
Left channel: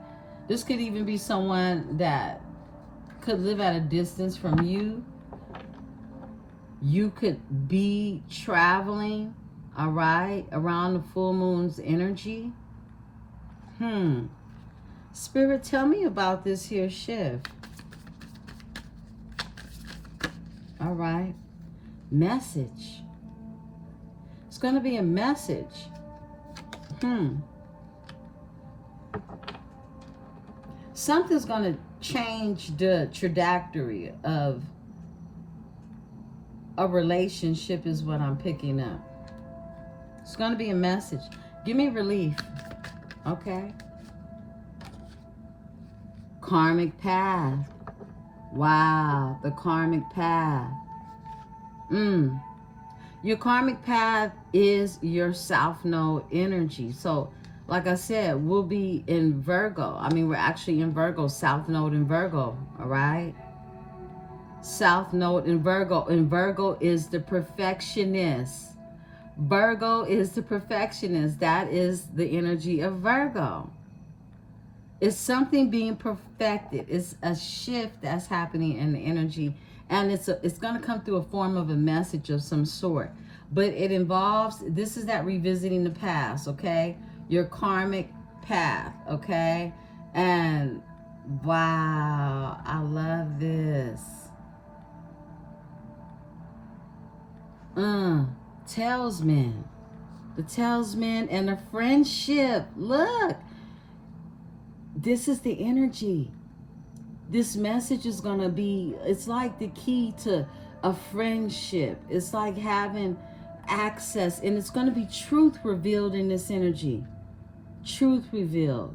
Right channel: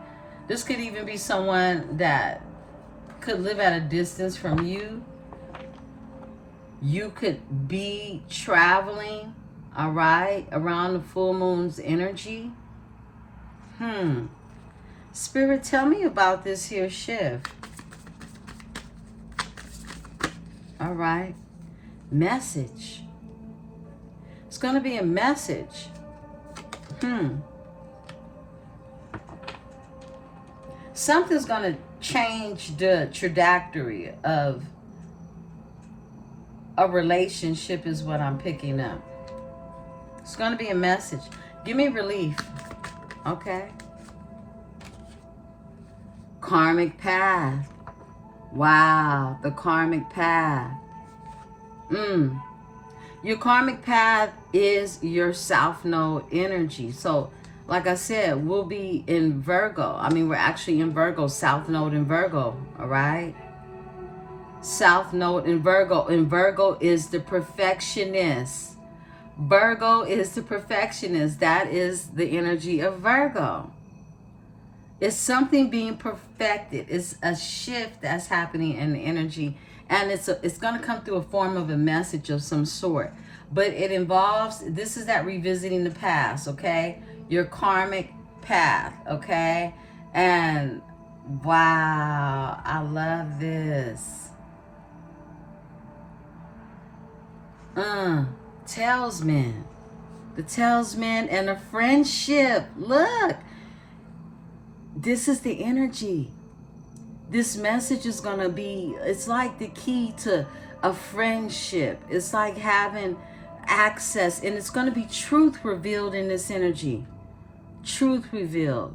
This could even be someone that could live at a distance from you. You could be traveling, all right, around the full moon's energy. Spirit, tell me about this here shift. All right. Message. It's going to be a message. Something's going to change the trajectory of a relationship is what I'm picking up. It's going to be a message. Give me relief. Okay. Karmic path. Wow. The karmic path. Your karmic path is your South Node energy. So, like I said, we'll be in Virgo. I mean, we're actually in Virgo, South Node in Virgo, all right? South Node in Virgo. And Virgo is the perfectionist. Virgo is the perfectionist. That is the energy of Virgo. It's something being perfected. It's a shift that's happening in the energy. And it's going to come through a form of a message of some sort. But it involves, this is that revisiting the past, okay? your karmic path, okay? And wow, I love this. Talesman. The talesman and a friendship. Look, this is the energy. This message is going to be, it's like the key to a friendship. It's like having access, and it's going to be truth revealed in this energy. Truth revealed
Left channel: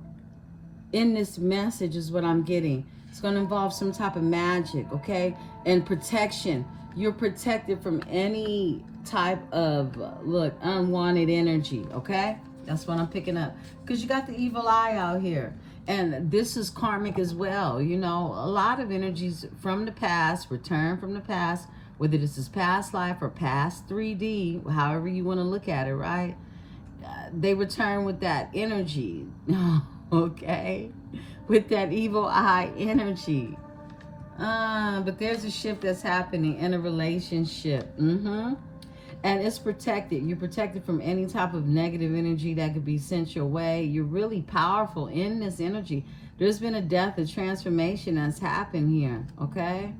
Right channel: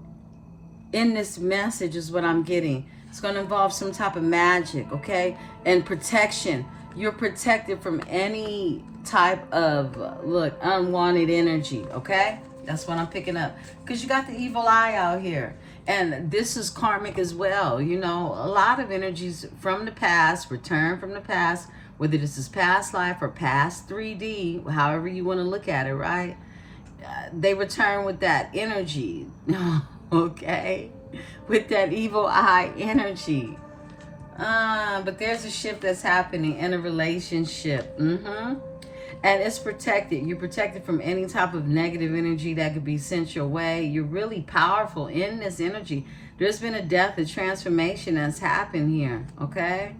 in this message is what I'm getting. It's going to involve some type of magic, okay? And protection. You're protected from any type of, look, unwanted energy, okay? That's what I'm picking up. Because you got the evil eye out here. And this is karmic as well. You know, a lot of energies from the past, return from the past, whether this is past life or past 3D, however you want to look at it, right? They return with that energy, okay? With that evil eye energy. But there's a shift that's happening in a relationship. And it's protected. You're protected from any type of negative energy that could be sent your way. You're really powerful in this energy. There's been a death, a transformation that's happened here, okay?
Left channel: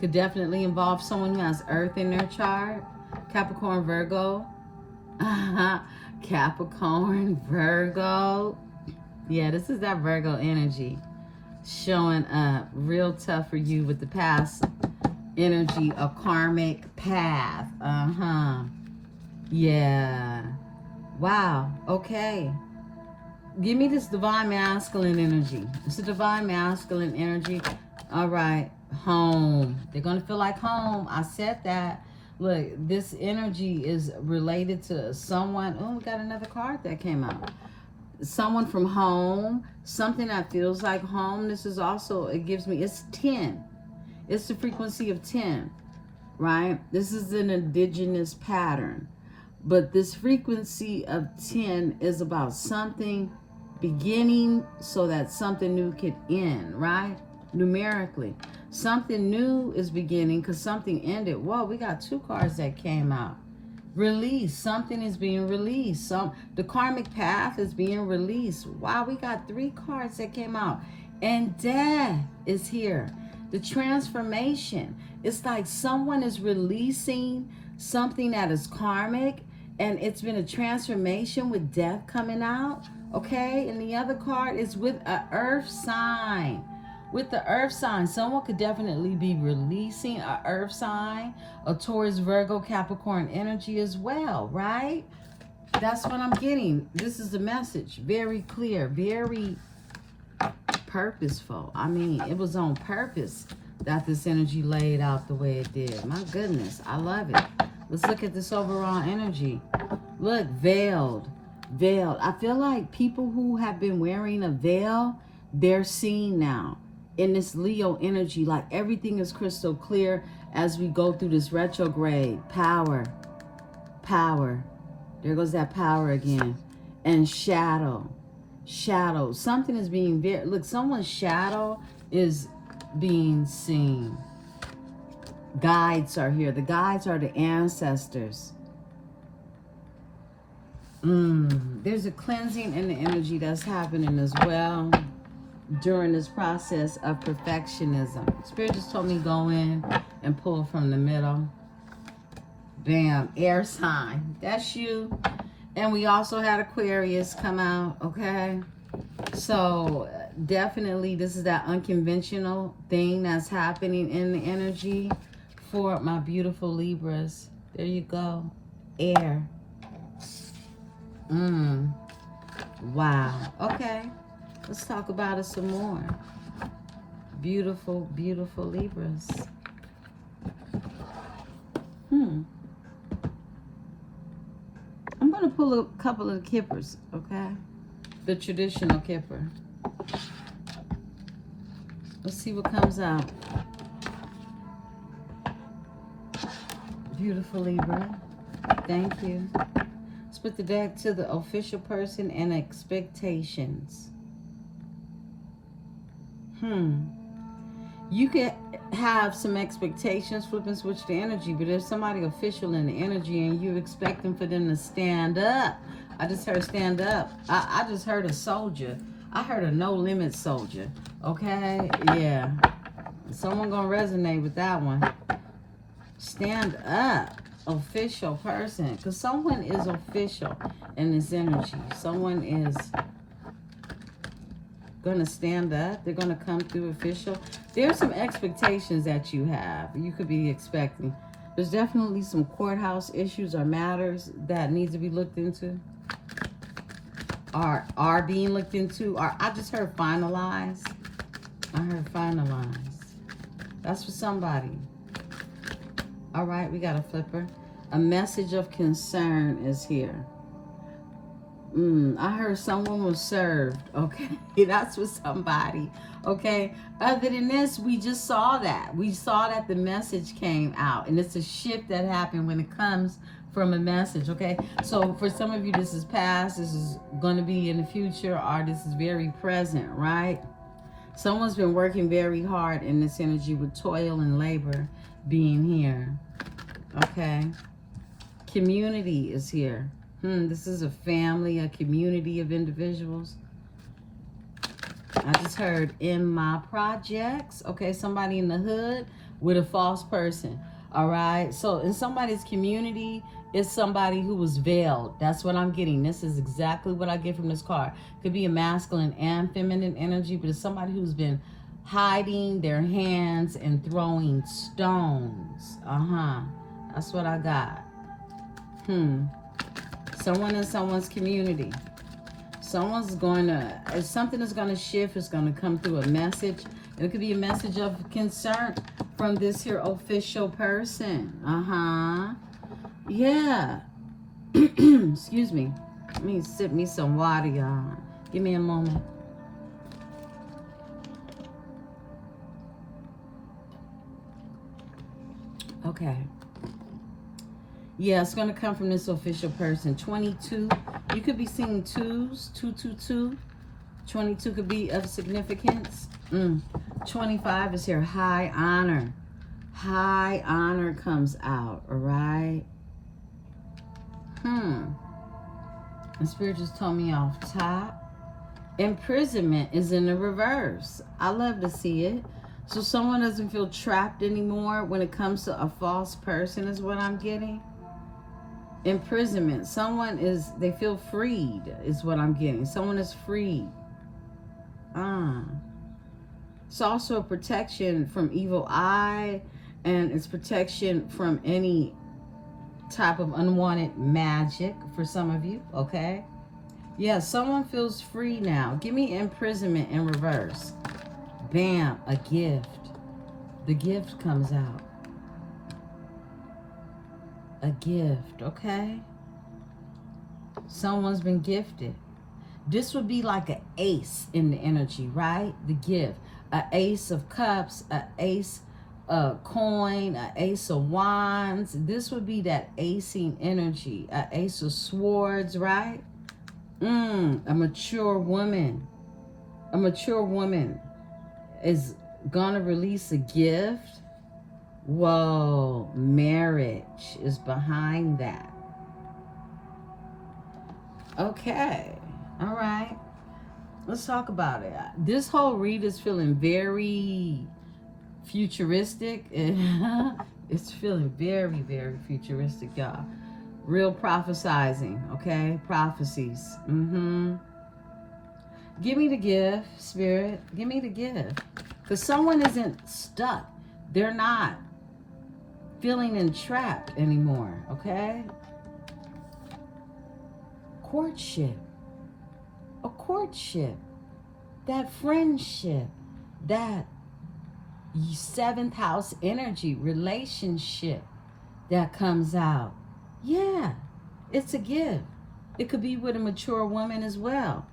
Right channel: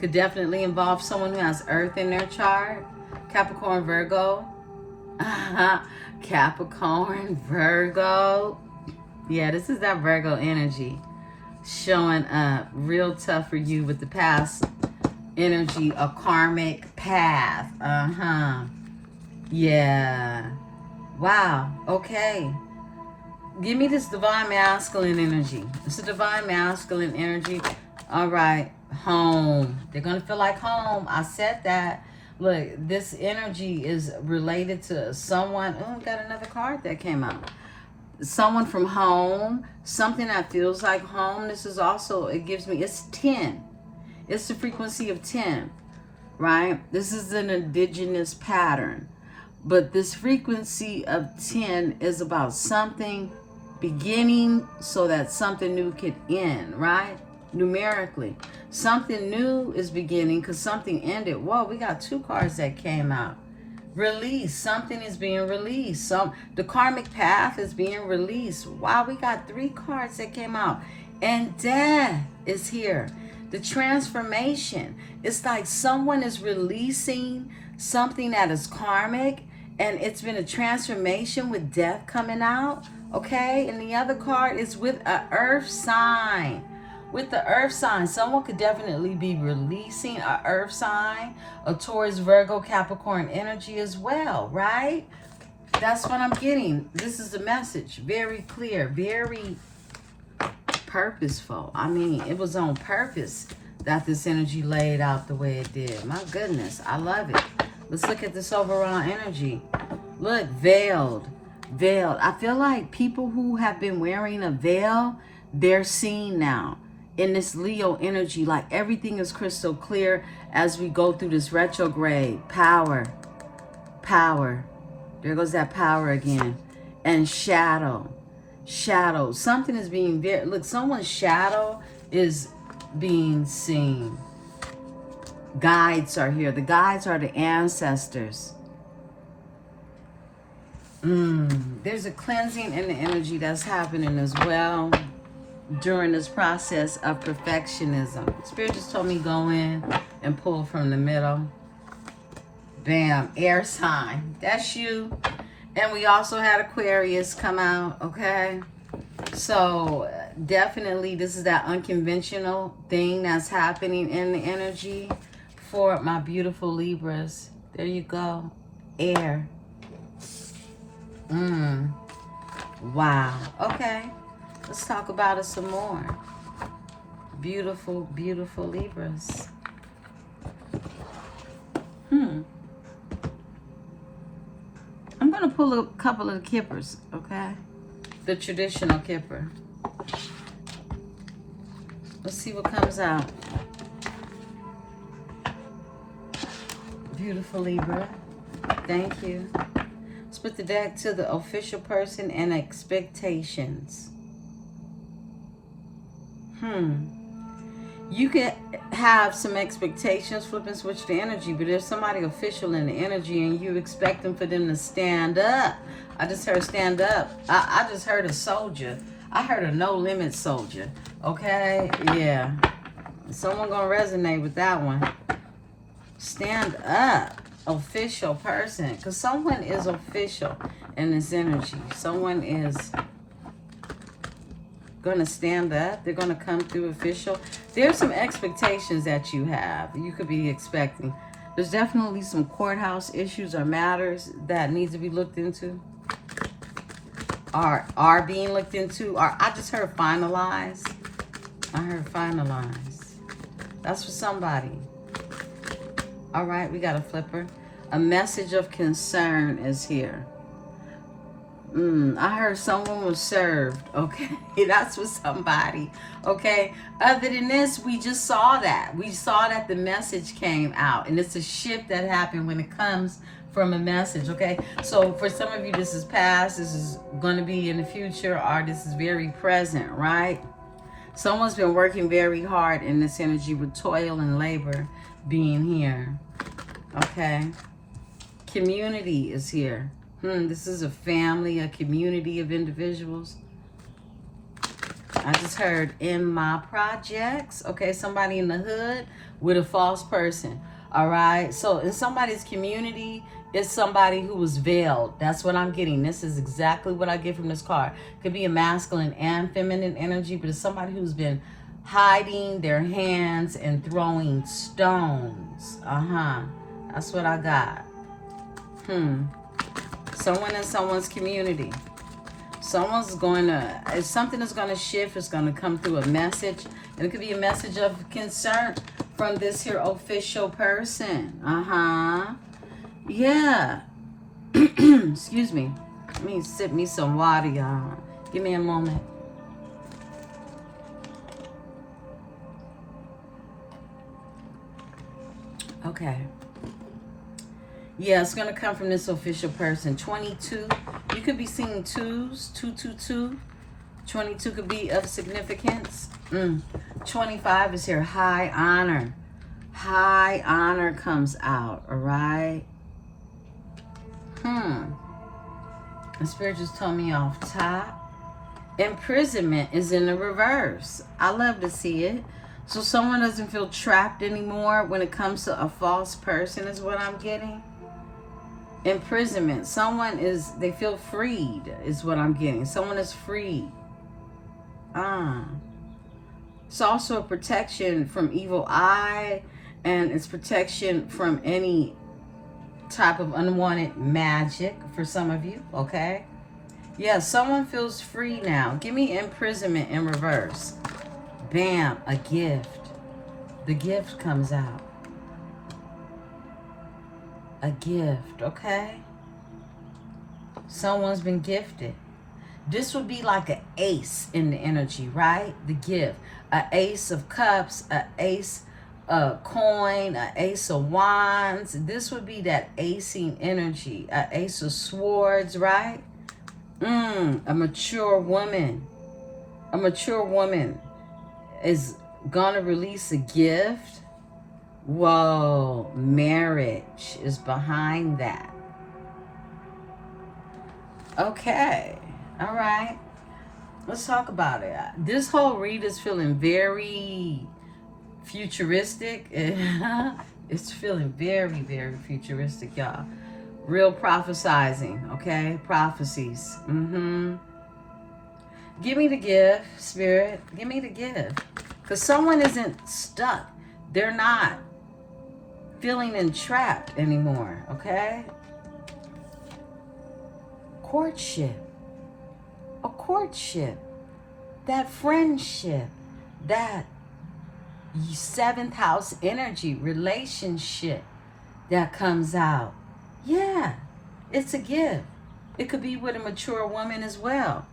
Could definitely involve someone who has Earth in their chart. Capricorn, Virgo. Capricorn, Virgo. Yeah, this is that Virgo energy showing up real tough for you with the past energy, a karmic path. Yeah. Wow. Okay. Give me this divine masculine energy. It's a divine masculine energy. All right. Home. They're going to feel like home. I said that. Look, this energy is related to someone. Oh, we got another card that came out. Someone from home. Something that feels like home. This is also, it gives me, it's 10. It's the frequency of 10, right? This is an indigenous pattern. But this frequency of 10 is about something beginning so that something new can end, right? Numerically. Something new is beginning because something ended. Whoa, we got 2 cards that came out. Release. Something is being released. The karmic path is being released. Wow, we got 3 cards that came out. And death is here. The transformation. It's like someone is releasing something that is karmic, and it's been a transformation with death coming out, okay? And the other card is with an earth sign. With the earth sign, someone could definitely be releasing an earth sign, a Taurus, Virgo, Capricorn energy as well, right? That's what I'm getting. This is the message. Very clear, very purposeful. I mean, it was on purpose that this energy laid out the way it did. My goodness, I love it. Let's look at this overall energy. Look, veiled. Veiled. I feel like people who have been wearing a veil, they're seen now in this Leo energy. Like everything is crystal clear as we go through this retrograde. Power. Power. There goes that power again. And shadow. Shadow. Something is being very, look, someone's shadow is being seen. Guides are here. The guides are the ancestors. There's a cleansing in the energy that's happening as well during this process of perfectionism. Spirit just told me go in and pull from the middle. Bam. Air sign. That's you. And we also had Aquarius come out, okay? So definitely this is that unconventional thing that's happening in the energy for my beautiful Libras. There you go. Air. Wow. Okay. Let's talk about it some more. Beautiful, beautiful Libras. I'm going to pull a couple of kippers, okay? The traditional kipper. Let's see what comes out. Beautiful Libra. Thank you. Let's put the deck to the official person and expectations. You could have some expectations, flip and switch the energy, but there's somebody official in the energy and you expecting for them to stand up. I just heard stand up. I just heard a soldier. I heard a no limit soldier. Okay? Yeah. Someone gonna resonate with that one. Stand up. Official person. Because someone is official in this energy. Someone is gonna stand up. They're gonna come through official. There's some expectations that you have. You could be expecting. There's definitely some courthouse issues or matters that need to be looked into. Are being looked into. Or I just heard finalized. I heard finalized. That's for somebody. All right, we got a flipper. A message of concern is here. I heard someone was served. Okay, that's for somebody. Okay, other than this, we just saw that. We saw that the message came out, and it's a shift that happened when it comes from a message. Okay, so for some of you, this is past, this is going to be in the future, or this is very present, right? Someone's been working very hard in this energy with toil and labor being here. Okay, community is here. This is a family, a community of individuals. I just heard in my projects. Okay, somebody in the hood with a false person. All right, so in somebody's community, it's somebody who was veiled. That's what I'm getting. This is exactly what I get from this card. Could be a masculine and feminine energy, but it's somebody who's been hiding their hands and throwing stones. That's what I got. Someone in someone's community. Someone's going to, if something is going to shift, it's going to come through a message. And it could be a message of concern from this here official person. Yeah. Excuse me. Let me sip me some water, y'all. Give me a moment. Okay. Yeah, it's going to come from this official person. 22. You could be seeing twos. 222. 22 could be of significance. 25 is here. High honor. High honor comes out. All right. The spirit just told me off top. Imprisonment is in the reverse. I love to see it. So someone doesn't feel trapped anymore when it comes to a false person is what I'm getting. Imprisonment. Someone is, they feel freed is what I'm getting. Someone is freed. It's also a protection from evil eye, and it's protection from any type of unwanted magic for some of you, okay? Yeah, someone feels free now. Give me imprisonment in reverse. Bam, a gift. The gift comes out. A gift, okay? Someone's been gifted. This would be like an ace in the energy, right? The gift. An ace of cups, an ace of coin, an ace of wands. This would be that acing energy. An ace of swords, right? A mature woman. A mature woman is gonna release a gift. Whoa, marriage is behind that. Okay, all right. Let's talk about it. This whole read is feeling very futuristic. It's feeling very, very futuristic, y'all. Real prophesizing, okay? Prophecies. Give me the gift, Spirit. Give me the gift. Because someone isn't stuck. They're not feeling entrapped anymore, okay? Courtship. A courtship. That friendship. That 7th house energy relationship that comes out. Yeah, it's a gift. It could be with a mature woman as well.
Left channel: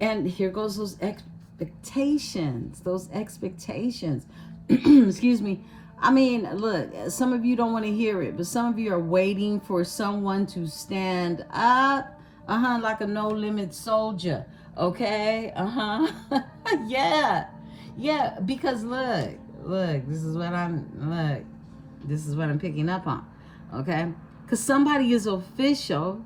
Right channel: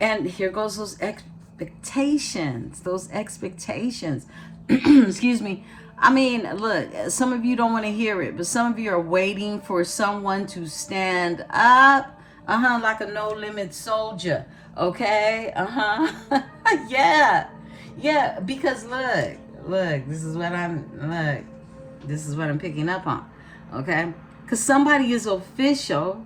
And here goes those expectations. Those expectations. Excuse me. I mean, look, some of you don't want to hear it, but some of you are waiting for someone to stand up. Like a no-limit soldier. Okay? Yeah, because look, this is what I'm picking up on. Okay? Because somebody is official.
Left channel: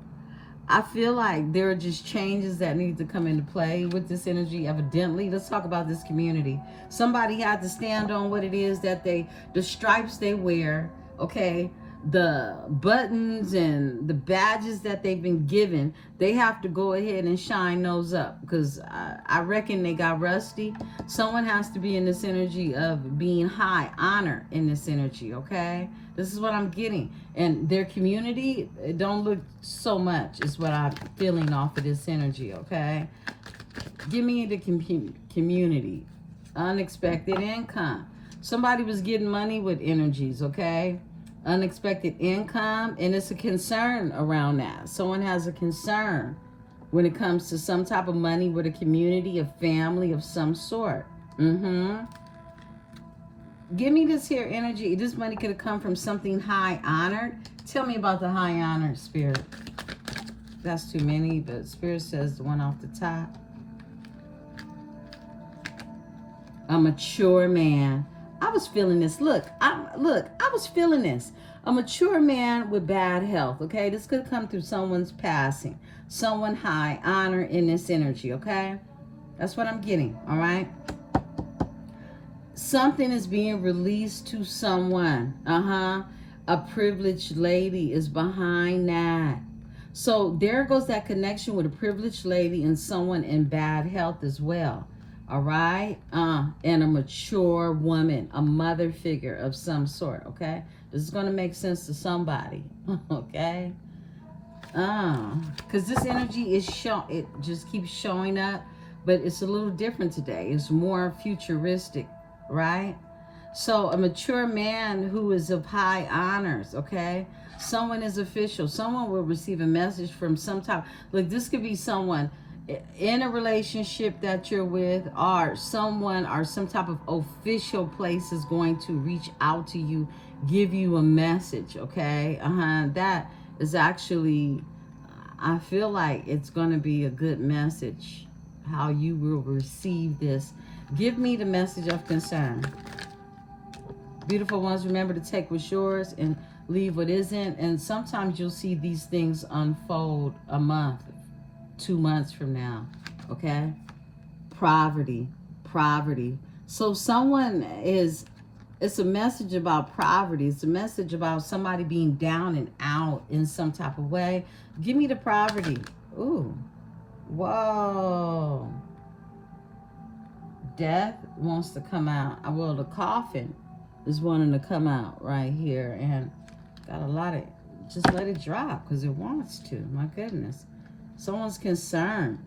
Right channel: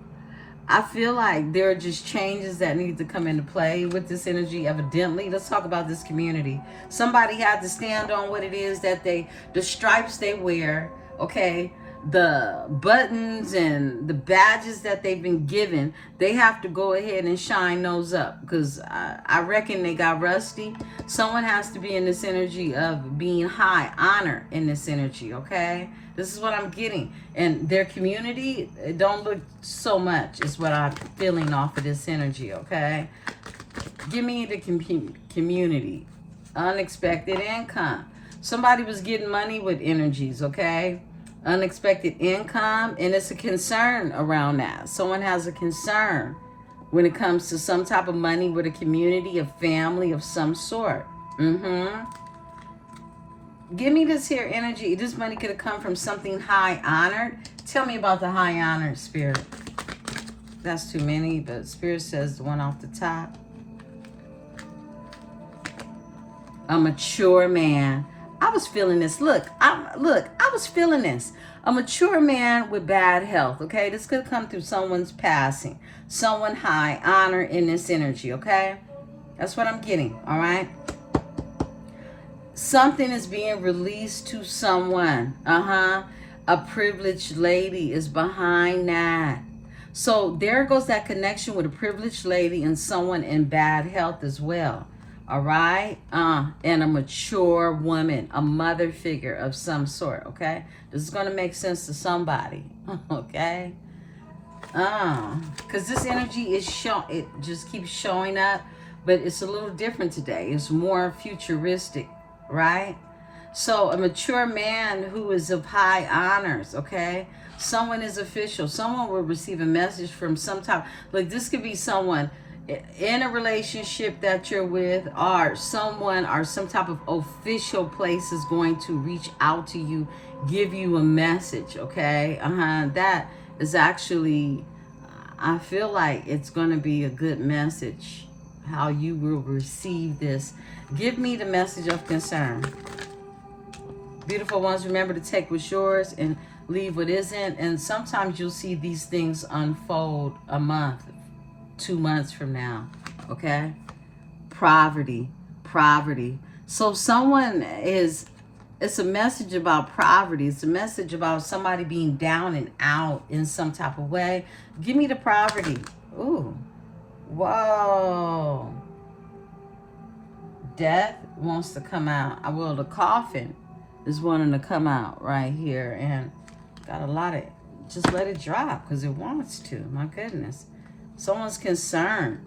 I feel like there are just changes that need to come into play with this energy, evidently. Let's talk about this community. Somebody had to stand on what it is that the stripes they wear, okay? The buttons and the badges that they've been given, they have to go ahead and shine those up, because I reckon they got rusty. Someone has to be in this energy of being high honor in this energy, okay? This is what I'm getting. And their community, it don't look so much, is what I'm feeling off of this energy, okay? Give me the community. Unexpected income. Somebody was getting money with energies, okay? Unexpected income, and it's a concern around that. Someone has a concern when it comes to some type of money with a community, a family of some sort. Give me this here energy. This money could have come from something high honored. Tell me about the high honored, Spirit. That's too many, but Spirit says the one off the top. A mature man. I was feeling this. Look, I was feeling this. A mature man with bad health, okay? This could come through someone's passing. Someone high honor in this energy, okay? That's what I'm getting, all right? Something is being released to someone. A privileged lady is behind that. So there goes that connection with a privileged lady and someone in bad health as well. All right? And a mature woman, a mother figure of some sort, okay? This is going to make sense to somebody, okay? Because this energy is it just keeps showing up, but it's a little different today. It's more futuristic, right? So a mature man who is of high honors, okay? Someone is official. Someone will receive a message from some type. Like, this could be someone in a relationship that you're with, or someone or some type of official place is going to reach out to you, give you a message, okay? That is actually, I feel like it's going to be a good message, how you will receive this. Give me the message of concern. Beautiful ones, remember to take what's yours and leave what isn't. And sometimes you'll see these things unfold a month, 2 months from now, okay? Poverty. So someone is, it's a message about poverty. It's a message about somebody being down and out in some type of way. Give me the poverty. Ooh. Whoa. Death wants to come out. Well, the coffin is wanting to come out right here, and got a lot of, just let it drop because it wants to. My goodness. Someone's concerned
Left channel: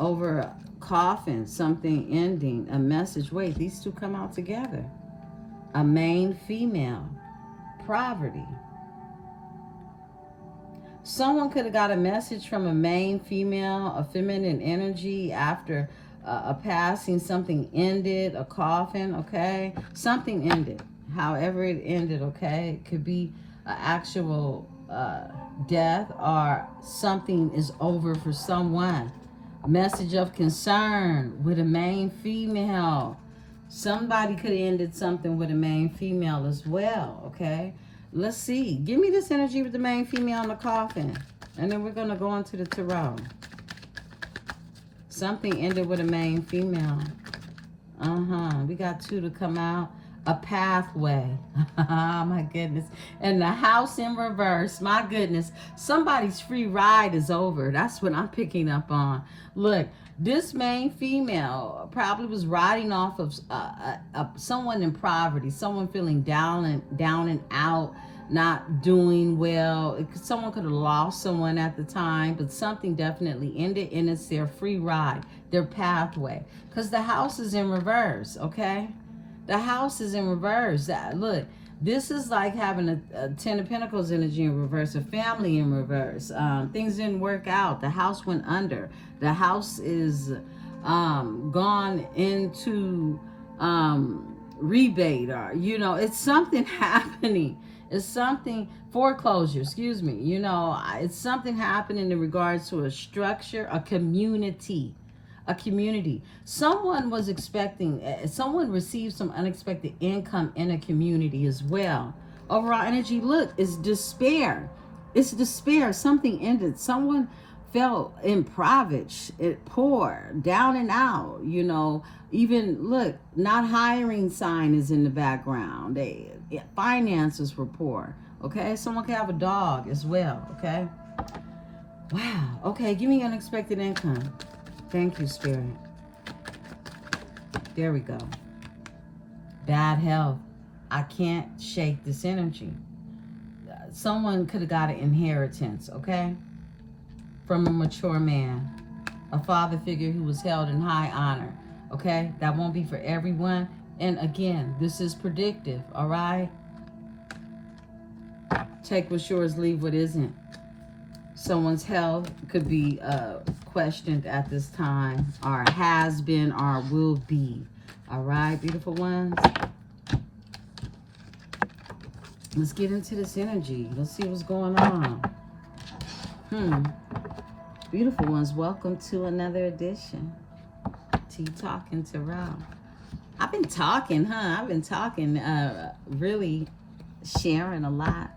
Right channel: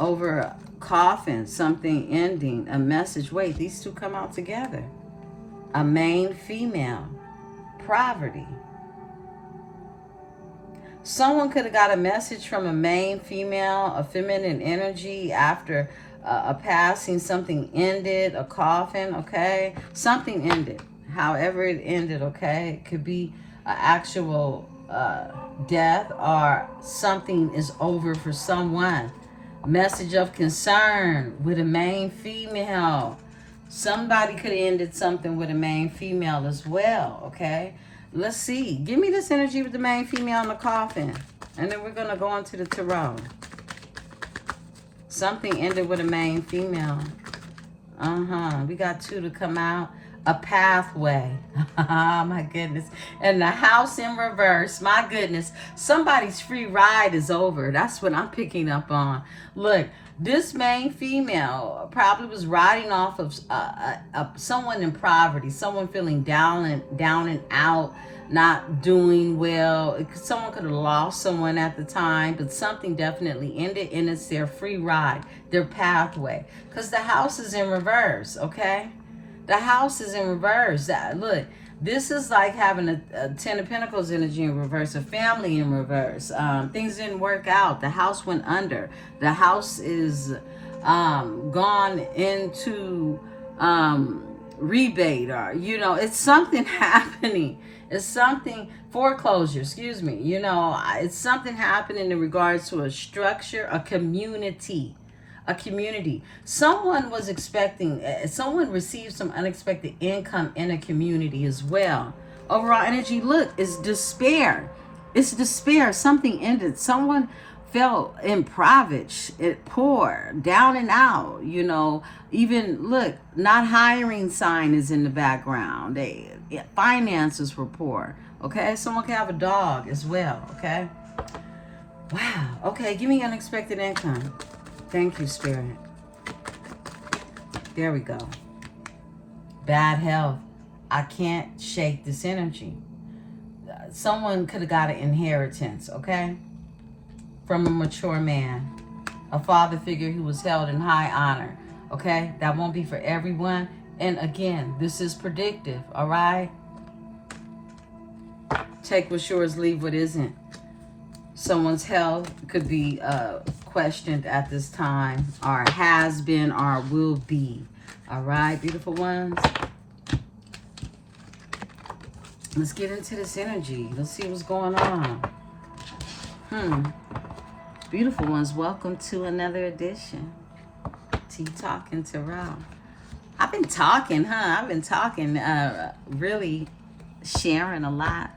over a coffin, something ending, a message. Wait, these two come out together. A main female. Poverty. Someone could have got a message from a main female, a feminine energy after a passing. Something ended, a coffin, okay? Something ended. However it ended, okay? It could be an actual death, or something is over for someone. Message of concern with a main female. Somebody could have ended something with a main female as well, okay? Let's see. Give me this energy with the main female in the coffin. And then we're going to go into the tarot. Something ended with a main female. We got two to come out. A pathway. Oh my goodness. And the house in reverse. My goodness. Somebody's free ride is over. That's what I'm picking up on. Look, this main female probably was riding off of someone in poverty. Someone feeling down and out, not doing well. Someone could have lost someone at the time, but something definitely ended, and it's their free ride, their pathway. Because the house is in reverse, okay? The house is in reverse. Look, this is like having a Ten of Pentacles energy in reverse, a family in reverse. Things didn't work out. The house went under. The house is gone into rebate, or, you know, it's something happening. It's something, foreclosure, excuse me. You know, it's something happening in regards to a structure, a community. A community. Someone was expecting, someone received some unexpected income in a community as well. Overall energy, look, is despair. It's despair. Something ended. Someone felt impoverished, poor, down and out. You know, even look, not hiring sign is in the background. Finances were poor. Okay, someone can have a dog as well. Okay. Wow. Okay, give me unexpected income. Thank you, Spirit. There we go. Bad health. I can't shake this energy. Someone could have got an inheritance, okay? From a mature man. A father figure who was held in high honor, okay? That won't be for everyone. And again, this is predictive, all right? Take what's yours, leave what isn't. Someone's health could be questioned at this time, or has been, or will be. All right, beautiful ones? Let's get into this energy. Let's see what's going on. Beautiful ones, welcome to another edition. Tea Talking Tarot. I've been talking, huh? I've been talking, really sharing a lot.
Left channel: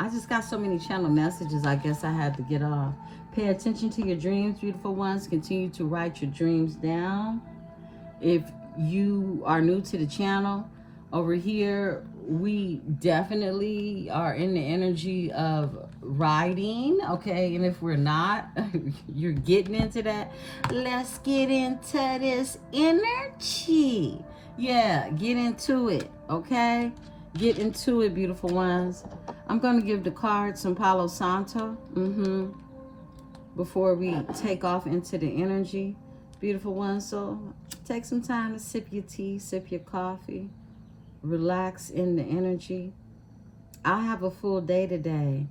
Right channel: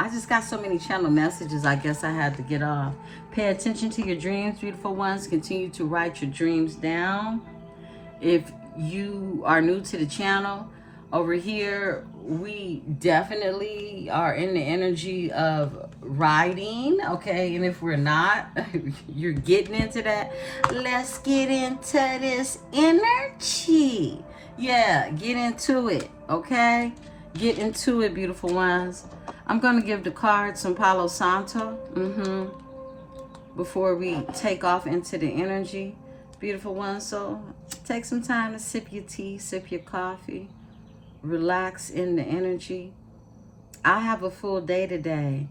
I just got so many channel messages, I guess I had to get off. Pay attention to your dreams, beautiful ones. Continue to write your dreams down. If you are new to the channel, over here, we definitely are in the energy of writing, okay? And if we're not, you're getting into that. Let's get into this energy. Yeah, get into it, okay? Get into it, beautiful ones. I'm going to give the card some Palo Santo before we take off into the energy, beautiful ones. So take some time to sip your tea, sip your coffee, relax in the energy. I have a full day today.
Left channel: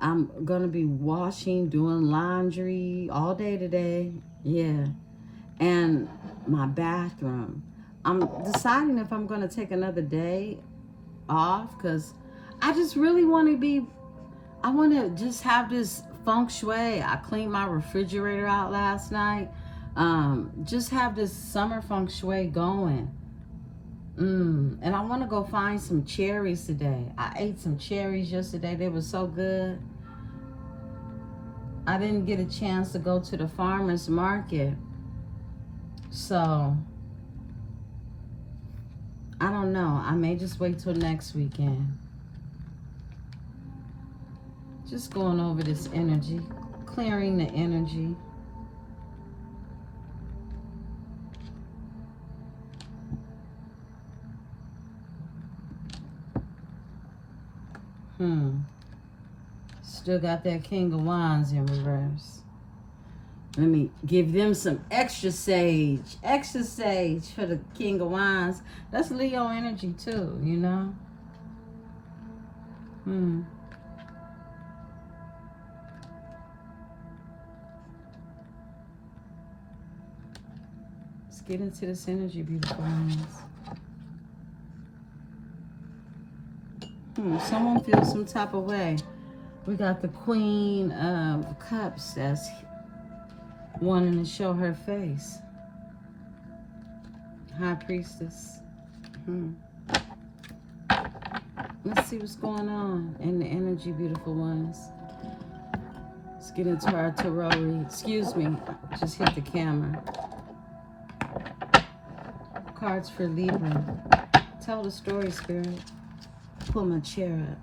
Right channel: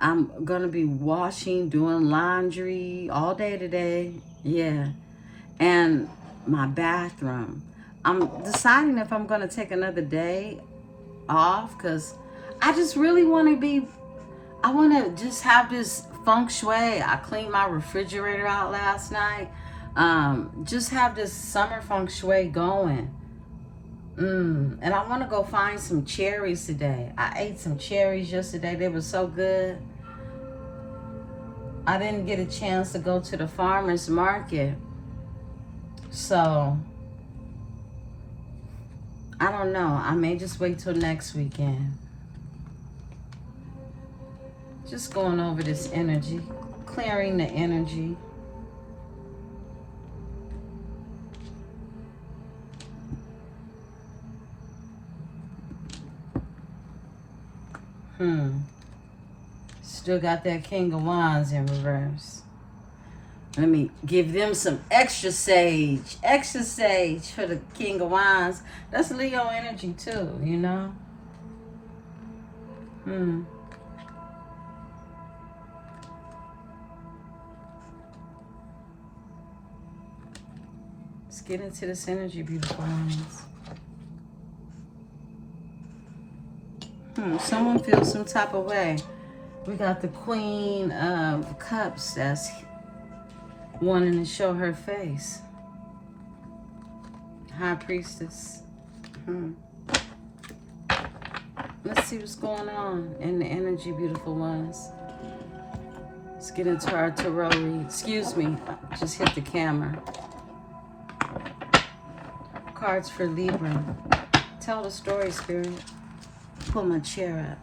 I'm going to be washing, doing laundry all day today. Yeah. And my bathroom. I'm deciding if I'm going to take another day off because I just really want to be, I want to just have this feng shui. I cleaned my refrigerator out last night. Just have this summer feng shui going. And I want to go find some cherries today. I ate some cherries yesterday. They were so good. I didn't get a chance to go to the farmer's market. So, I don't know. I may just wait till next weekend. Just going over this energy, clearing the energy. Still got that King of Wands in reverse. Let me give them some extra sage for the King of Wands. That's Leo energy too, you know? Let's get into this energy, beautiful ones. Someone feels some type of way. We got the Queen of Cups that's wanting to show her face. High Priestess. Let's see what's going on in the energy, beautiful ones. Let's get into our tarot read. Excuse me, just hit the camera. Cards for Libra. Tell a story, Spirit. Pull my chair up.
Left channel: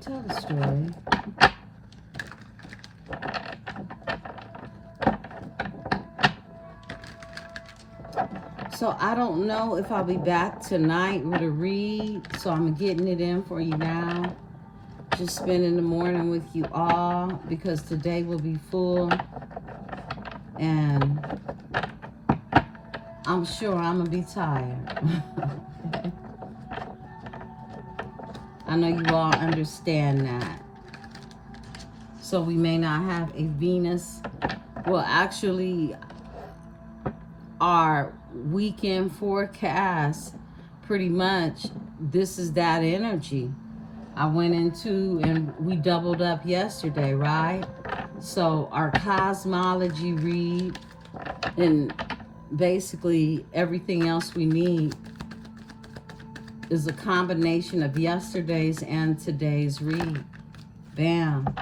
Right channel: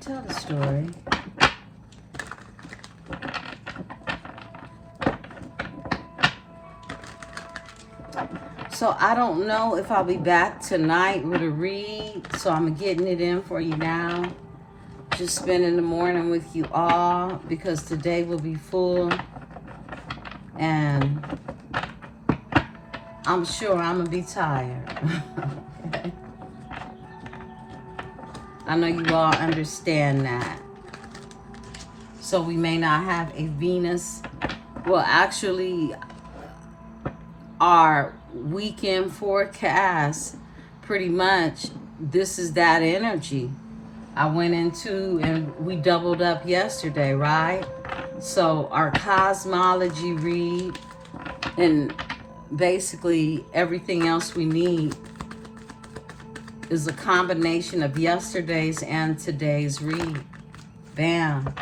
Tell the story. So I don't know if I'll be back tonight with a read, so I'm getting it in for you now. Just spending the morning with you all because today will be full, and I'm sure I'm gonna be tired. I know you all understand that. So we may not have a Venus. Well, actually, our weekend forecast, pretty much, this is that energy. I went into, and we doubled up yesterday, right? So our cosmology read, and basically everything else we need is a combination of yesterday's and today's read. Bam.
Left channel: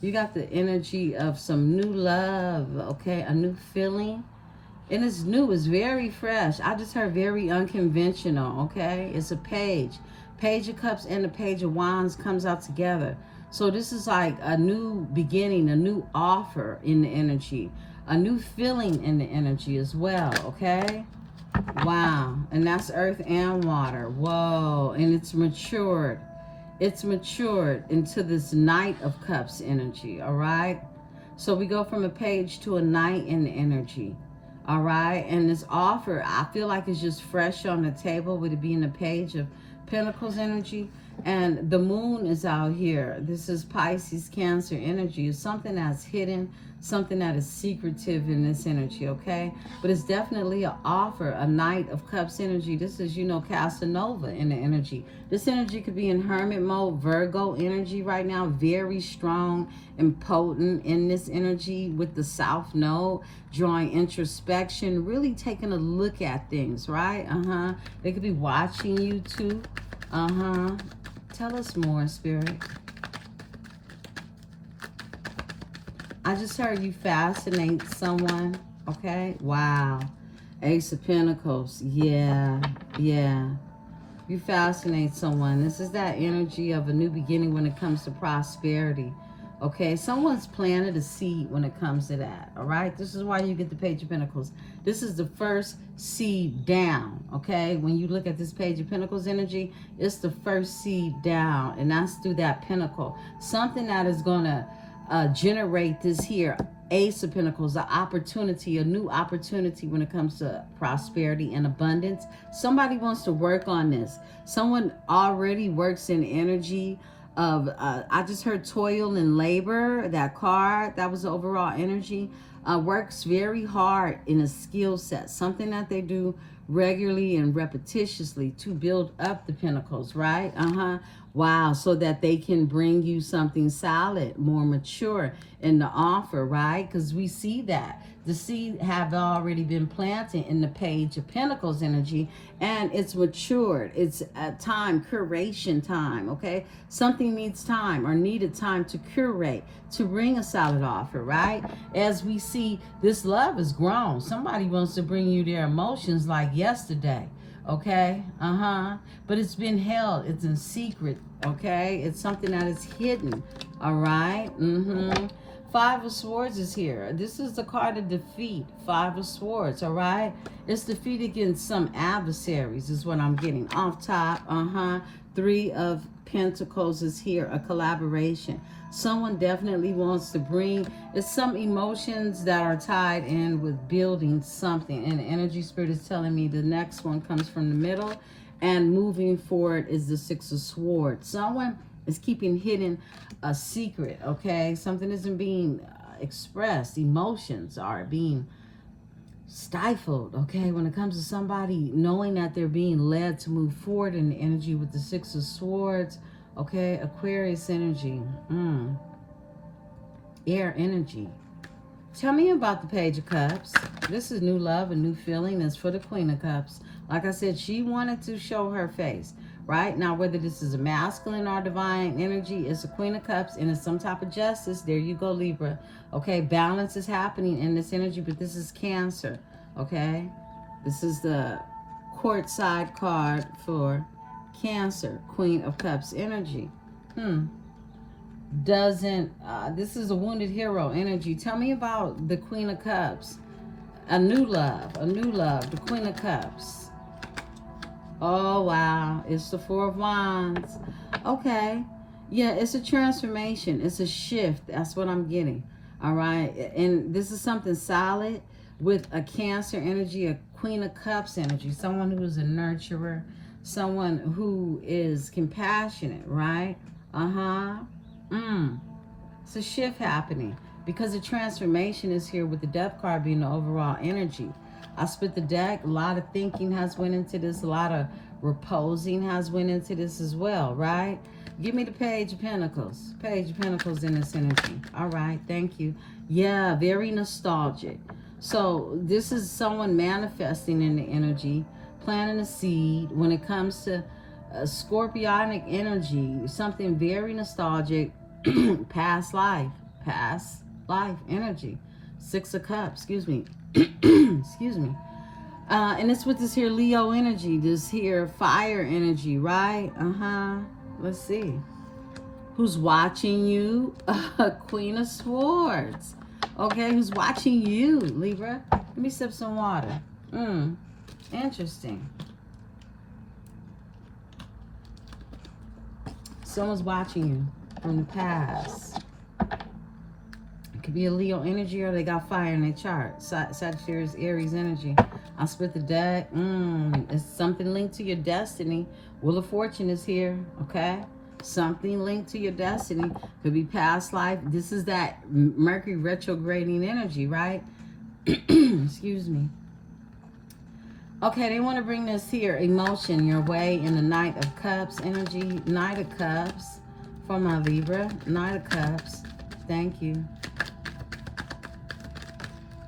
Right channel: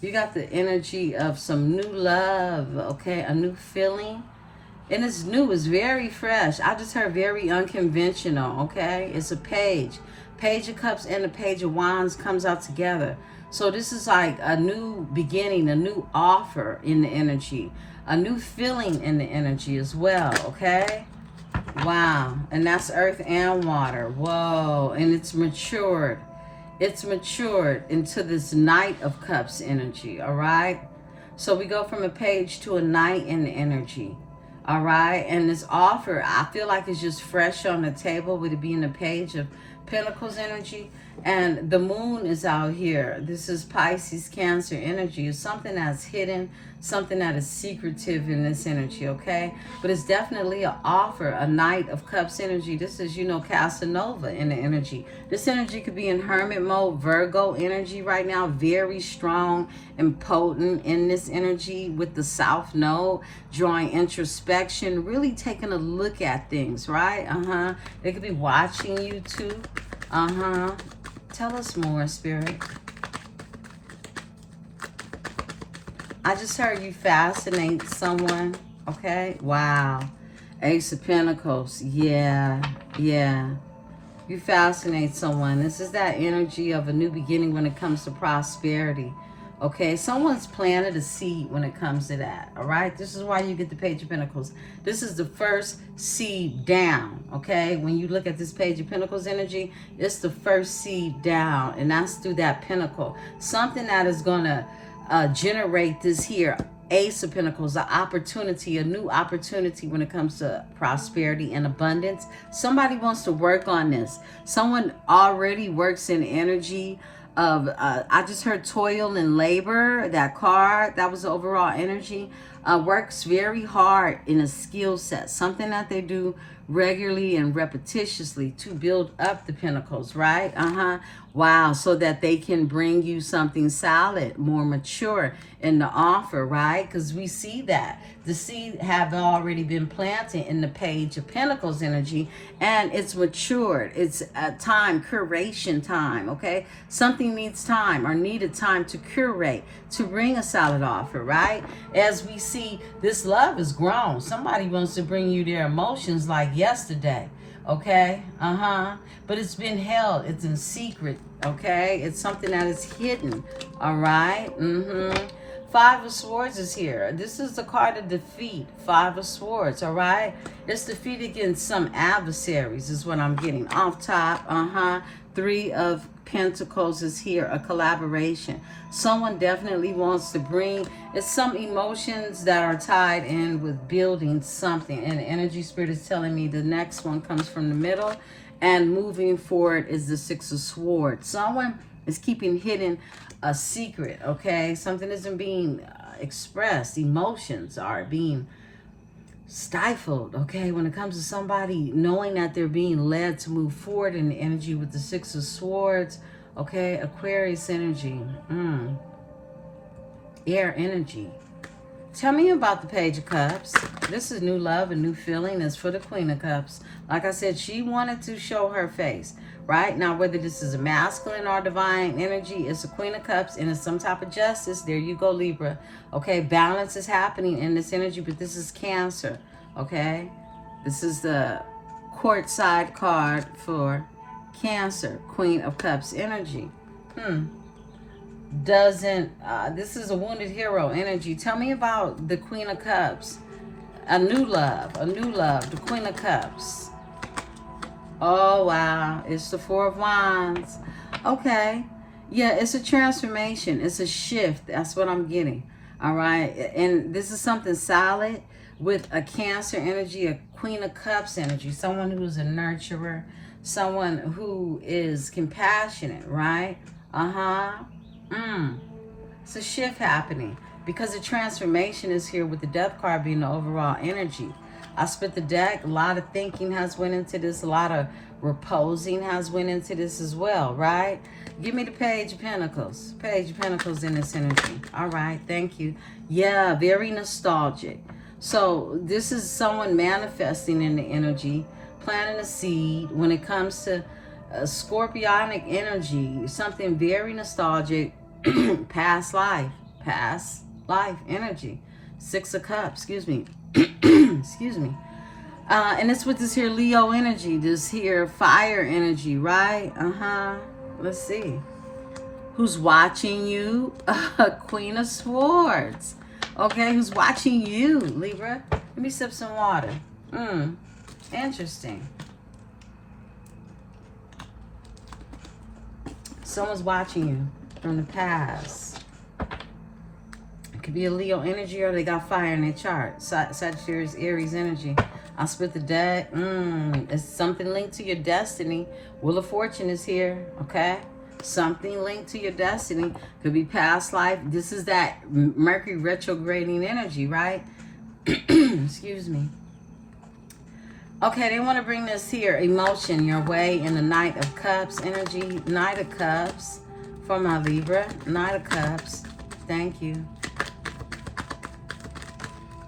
You got the energy of some new love, okay? A new feeling. And it's new. It's very fresh. I just heard very unconventional, okay? It's a page. Page of Cups and the Page of Wands comes out together. So this is like a new beginning, a new offer in the energy. A new feeling in the energy as well, okay? Wow. And that's earth and water. Whoa. And it's matured. It's matured into this Knight of Cups energy, all right? So we go from a page to a knight in the energy, all right? And this offer, I feel like it's just fresh on the table with it being a Page of Pentacles energy. And the moon is out here. This is Pisces, Cancer energy. It's something that's hidden, something that is secretive in this energy, okay? But it's definitely an offer, a Knight of Cups energy. This is, you know, Casanova in the energy. This energy could be in hermit mode, Virgo energy right now, very strong and potent in this energy with the South Node, drawing introspection, really taking a look at things, right? They could be watching you too. Tell us more, Spirit. I just heard you fascinate someone, okay? Wow. Ace of Pentacles. Yeah. You fascinate someone. This is that energy of a new beginning when it comes to prosperity. Okay, someone's planted a seed when it comes to that, all right? This is why you get the Page of Pentacles. This is the first seed down, okay? When you look at this Page of Pentacles energy, it's the first seed down, and that's through that pentacle. Something that is going to generate this here, Ace of Pentacles, an opportunity, a new opportunity when it comes to prosperity and abundance. Somebody wants to work on this. Someone already works in energy of, I just heard toil and labor, that card, that was the overall energy, works very hard in a skill set, something that they do regularly and repetitiously to build up the pentacles, right? Wow, so that they can bring you something solid, more mature in the offer, right? Because we see that the seed have already been planted in the Page of Pentacles energy, and it's matured. It's a time, curation time, okay? Something needs time or needed time to curate, to bring a solid offer, right? As we see, this love is grown. Somebody wants to bring you their emotions like yesterday, okay? But it's been held. It's in secret, okay? It's something that is hidden, all right? Five of Swords is here. This is the card of defeat. Five of Swords, all right? It's defeat against some adversaries is what I'm getting. Off top, Three of Pentacles is here, a collaboration. Someone definitely wants to bring, it's some emotions that are tied in with building something. And the energy spirit is telling me the next one comes from the middle. And moving forward is the Six of Swords. Someone is keeping hidden a secret, okay? Something isn't being expressed. Emotions are being stifled, okay? When it comes to somebody knowing that they're being led to move forward in the energy with the Six of Swords, okay? Aquarius energy, air energy. Tell me about the Page of Cups. This is new love, a new feeling. That's for the Queen of Cups. Like I said, she wanted to show her face, right? Now, whether this is a masculine or divine energy, it's a Queen of Cups and it's some type of justice. There you go, Libra. Okay, balance is happening in this energy, but this is Cancer, okay? This is the court side card for Cancer, Queen of Cups energy. This is a wounded hero energy. Tell me about the Queen of Cups. A new love, the Queen of Cups. Oh, wow. It's the Four of Wands. Okay. Yeah, it's a transformation. It's a shift. That's what I'm getting. All right. And this is something solid with a Cancer energy, a Queen of Cups energy. Someone who's a nurturer. Someone who is compassionate, right? It's a shift happening because the transformation is here with the Death card being the overall energy. I split the deck. A lot of thinking has went into this. A lot of reposing has went into this as well, right? Give me the Page of Pentacles. Page of Pentacles in this energy. All right, thank you. Yeah, very nostalgic. So this is someone manifesting in the energy, planting a seed when it comes to a scorpionic energy, something very nostalgic, past life energy. 6 of Cups, excuse me. Excuse me. And it's with this here Leo energy, this here fire energy, right? Let's see. Who's watching you? Queen of Swords. Okay, who's watching you, Libra? Let me sip some water. Interesting. Someone's watching you from the past. It could be a Leo energy or they got fire in their chart. Sagittarius, Aries energy. I'll split the deck. It's something linked to your destiny. Wheel of Fortune is here, okay? Something linked to your destiny. Could be past life. This is that Mercury retrograding energy, right? Excuse me. Okay, they want to bring this here emotion your way in the Knight of Cups energy. Knight of Cups for my Libra. Knight of Cups. Thank you.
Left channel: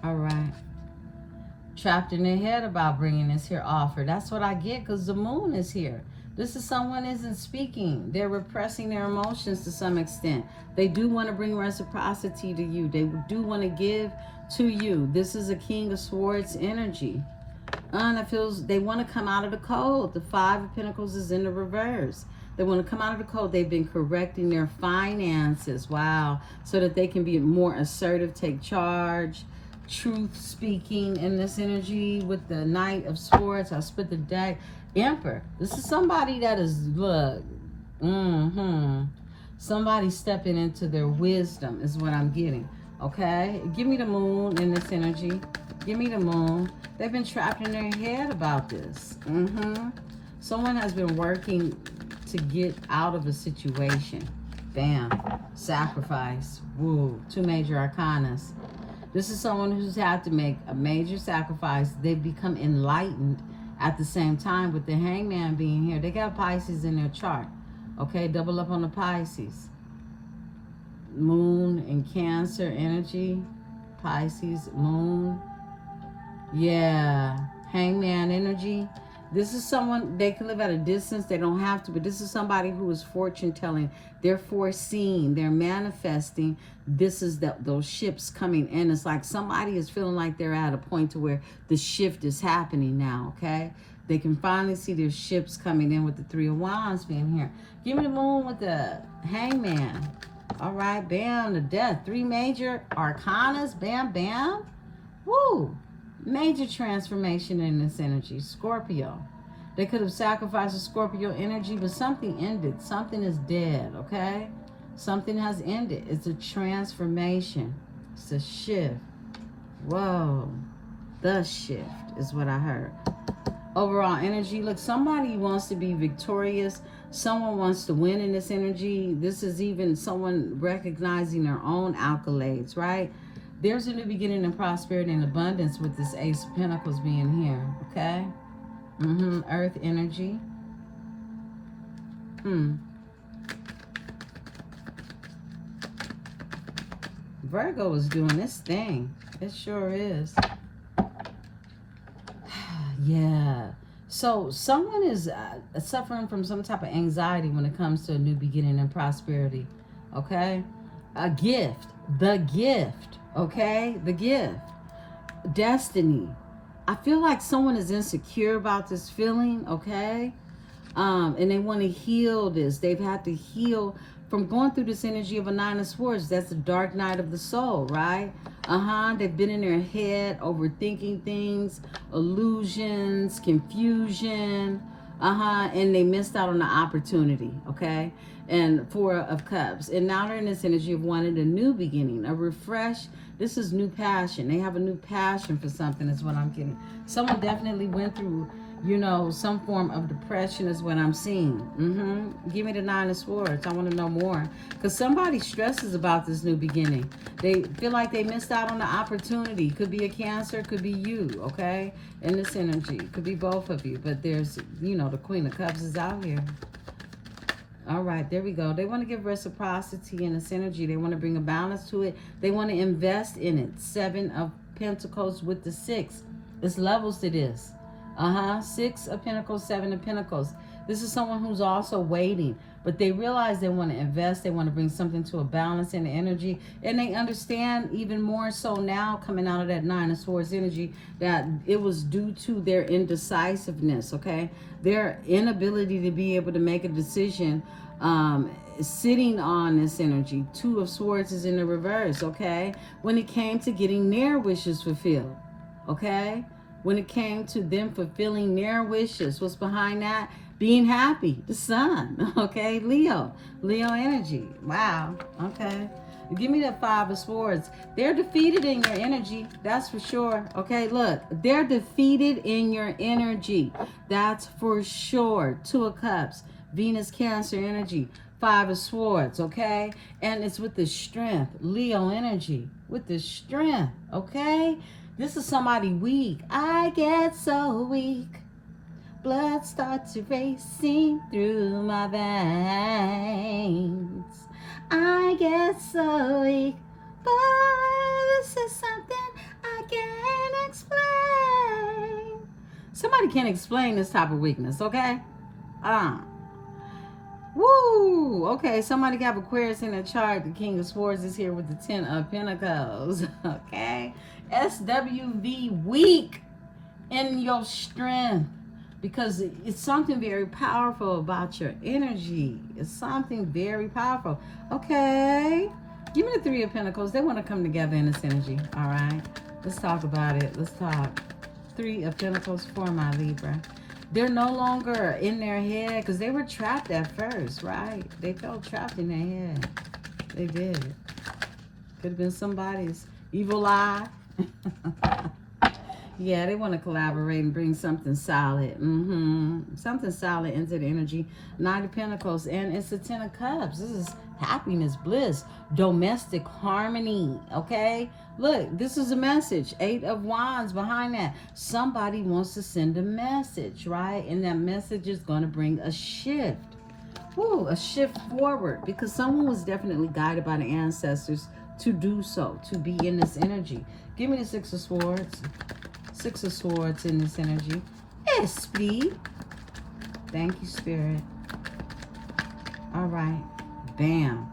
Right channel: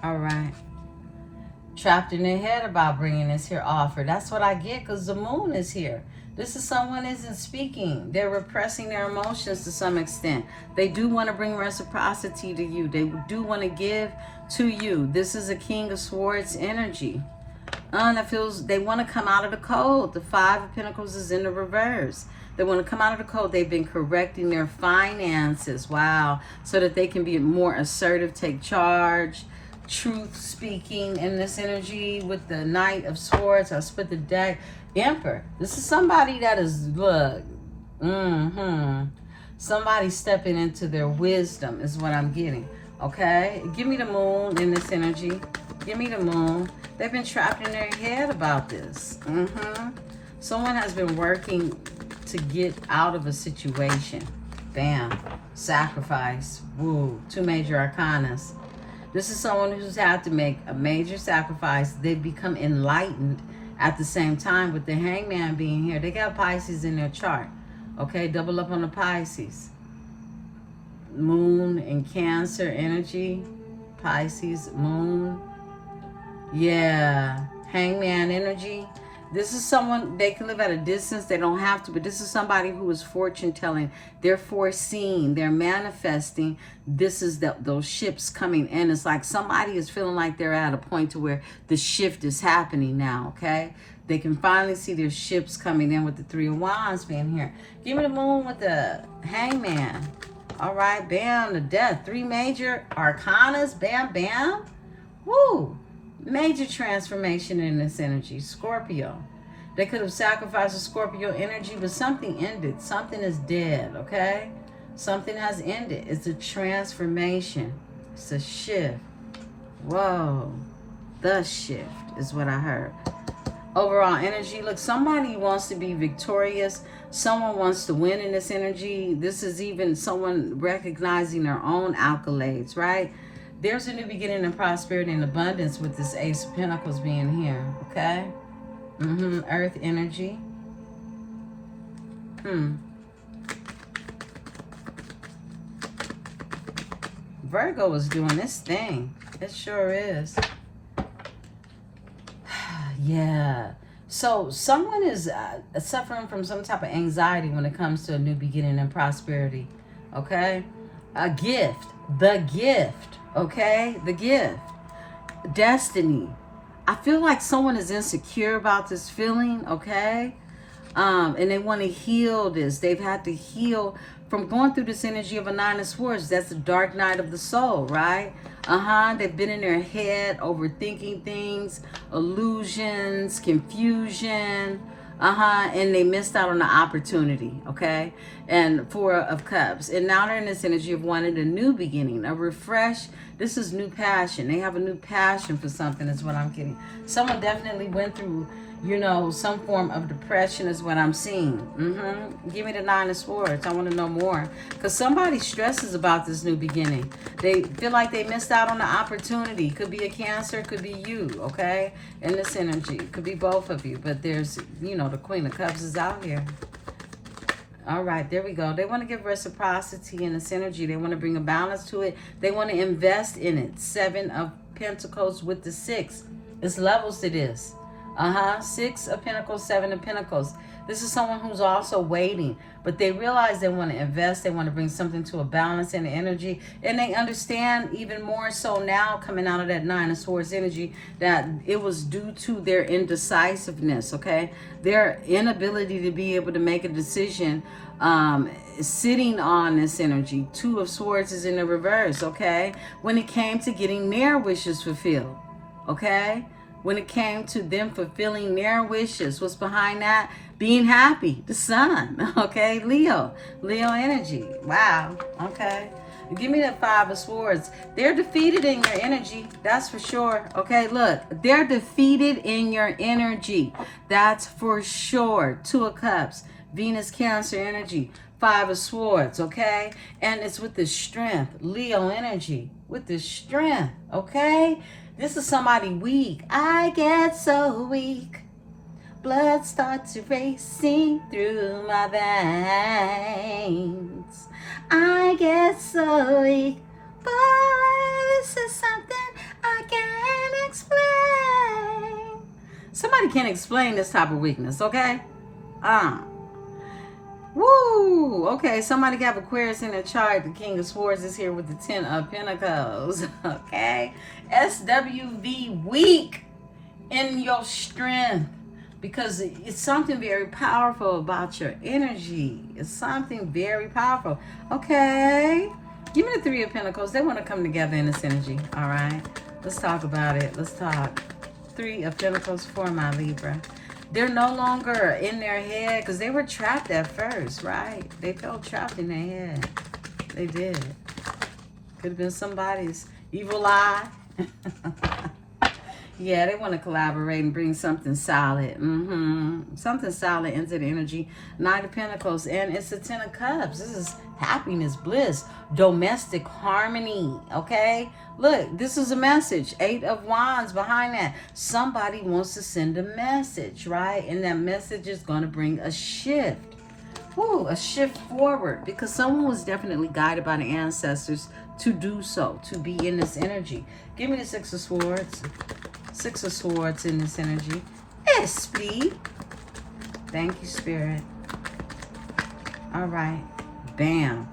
All right. Trapped in their head about bringing this here offer. That's what I get because the moon is here. This is someone isn't speaking. They're repressing their emotions to some extent. They do want to bring reciprocity to you. They do want to give to you. This is a King of Swords energy. That feels they want to come out of the code. The 5 of Pentacles is in the reverse. They want to come out of the code. They've been correcting their finances. Wow. So that they can be more assertive, take charge, truth speaking in this energy with the Knight of Swords. I'll split the deck. Emperor. This is somebody that is, look, somebody stepping into their wisdom is what I'm getting. Okay? Give me the moon in this energy. Give me the moon. They've been trapped in their head about this. Someone has been working to get out of a situation. Bam. Sacrifice. Woo. 2 major arcanas. This is someone who's had to make a major sacrifice. They've become enlightened at the same time with the Hangman being here. They got Pisces in their chart. Okay, double up on the Pisces. Moon and Cancer energy. Pisces, moon. Yeah, Hangman energy. This is someone, they can live at a distance. They don't have to, but this is somebody who is fortune telling. They're foreseeing. They're manifesting. This is those ships coming in. It's like somebody is feeling like they're at a point to where the shift is happening now, okay? They can finally see their ships coming in with the 3 of Wands being here. Give me the moon with the Hangman. All right, bam, the Death. 3 major arcanas, bam, bam. Woo. Major transformation in this energy. Scorpio. They could have sacrificed a Scorpio energy, but something ended. Something is dead, okay? Something has ended. It's a transformation. It's a shift. Whoa. The shift is what I heard. Overall energy. Look, somebody wants to be victorious. Someone wants to win in this energy. This is even someone recognizing their own accolades, right? There's a new beginning of prosperity and abundance with this Ace of Pentacles being here, okay? Earth energy. Virgo is doing this thing. It sure is. Yeah. So someone is suffering from some type of anxiety when it comes to a new beginning and prosperity, okay? A gift. The gift. Okay, the gift. Destiny. I feel like someone is insecure about this feeling, okay? And they want to heal this. They've had to heal from going through this energy of a 9 of Swords. That's the dark night of the soul, right? They've been in their head, overthinking things, illusions, confusion. And they missed out on the opportunity, okay? And 4 of Cups. And now they're in this energy of wanting a new beginning, a refresh. This is new passion. They have a new passion for something is what I'm getting. Someone definitely went through, you know, some form of depression is what I'm seeing. Give me the 9 of Swords. I want to know more. Because somebody stresses about this new beginning. They feel like they missed out on the opportunity. Could be a Cancer, could be you, okay? In this energy. Could be both of you. But there's, you know, the Queen of Cups is out here. All right, there we go. They want to give reciprocity in this energy. They want to bring a balance to it. They want to invest in it. 7 of Pentacles with the 6. It's levels to this. Six of Pentacles, Seven of Pentacles. This is someone who's also waiting, but they realize they want to invest. They want to bring something to a balance in the energy. And they understand even more so now, coming out of that Nine of Swords energy, that it was due to their indecisiveness, okay? Their inability to be able to make a decision, sitting on this energy. Two of Swords is in the reverse, okay? When it came to getting their wishes fulfilled, okay? When it came to them fulfilling their wishes, what's behind that? Being happy, the sun, okay? Leo energy. Wow, okay. Give me that Five of Swords. They're defeated in your energy, that's for sure, okay? Look, they're defeated in your energy, that's for sure. Two of Cups, Venus, Cancer energy, Five of Swords, okay? And it's with the strength, Leo energy, with the strength, okay? This is somebody weak. I get so weak. Blood starts racing through my veins. I get so weak. But this is something I can't explain. Somebody can explain this type of weakness, okay? Woo! Okay, somebody got Aquarius in the chart. The King of Swords is here with the Ten of Pentacles. Okay? SWV, weak in your strength. Because it's something very powerful about your energy. It's something very powerful. Okay? Give me the Three of Pentacles. They want to come together in this energy. Alright? Let's talk about it. Let's talk. Three of Pentacles for my Libra. They're no longer in their head because they were trapped at first, right? They felt trapped in their head. They did. Could have been somebody's evil eye. Yeah, they want to collaborate and bring something solid. Something solid into the energy. Nine of Pentacles, and it's the Ten of Cups. This is happiness, bliss, domestic harmony, okay? Look, this is a message. Eight of Wands behind that. Somebody wants to send a message, right? And that message is going to bring a shift. Ooh, a shift forward. Because someone was definitely guided by the ancestors to do so, to be in this energy. Give me the Six of Swords. Six of Swords in this energy. Speed. Thank you, Spirit. All right. Bam.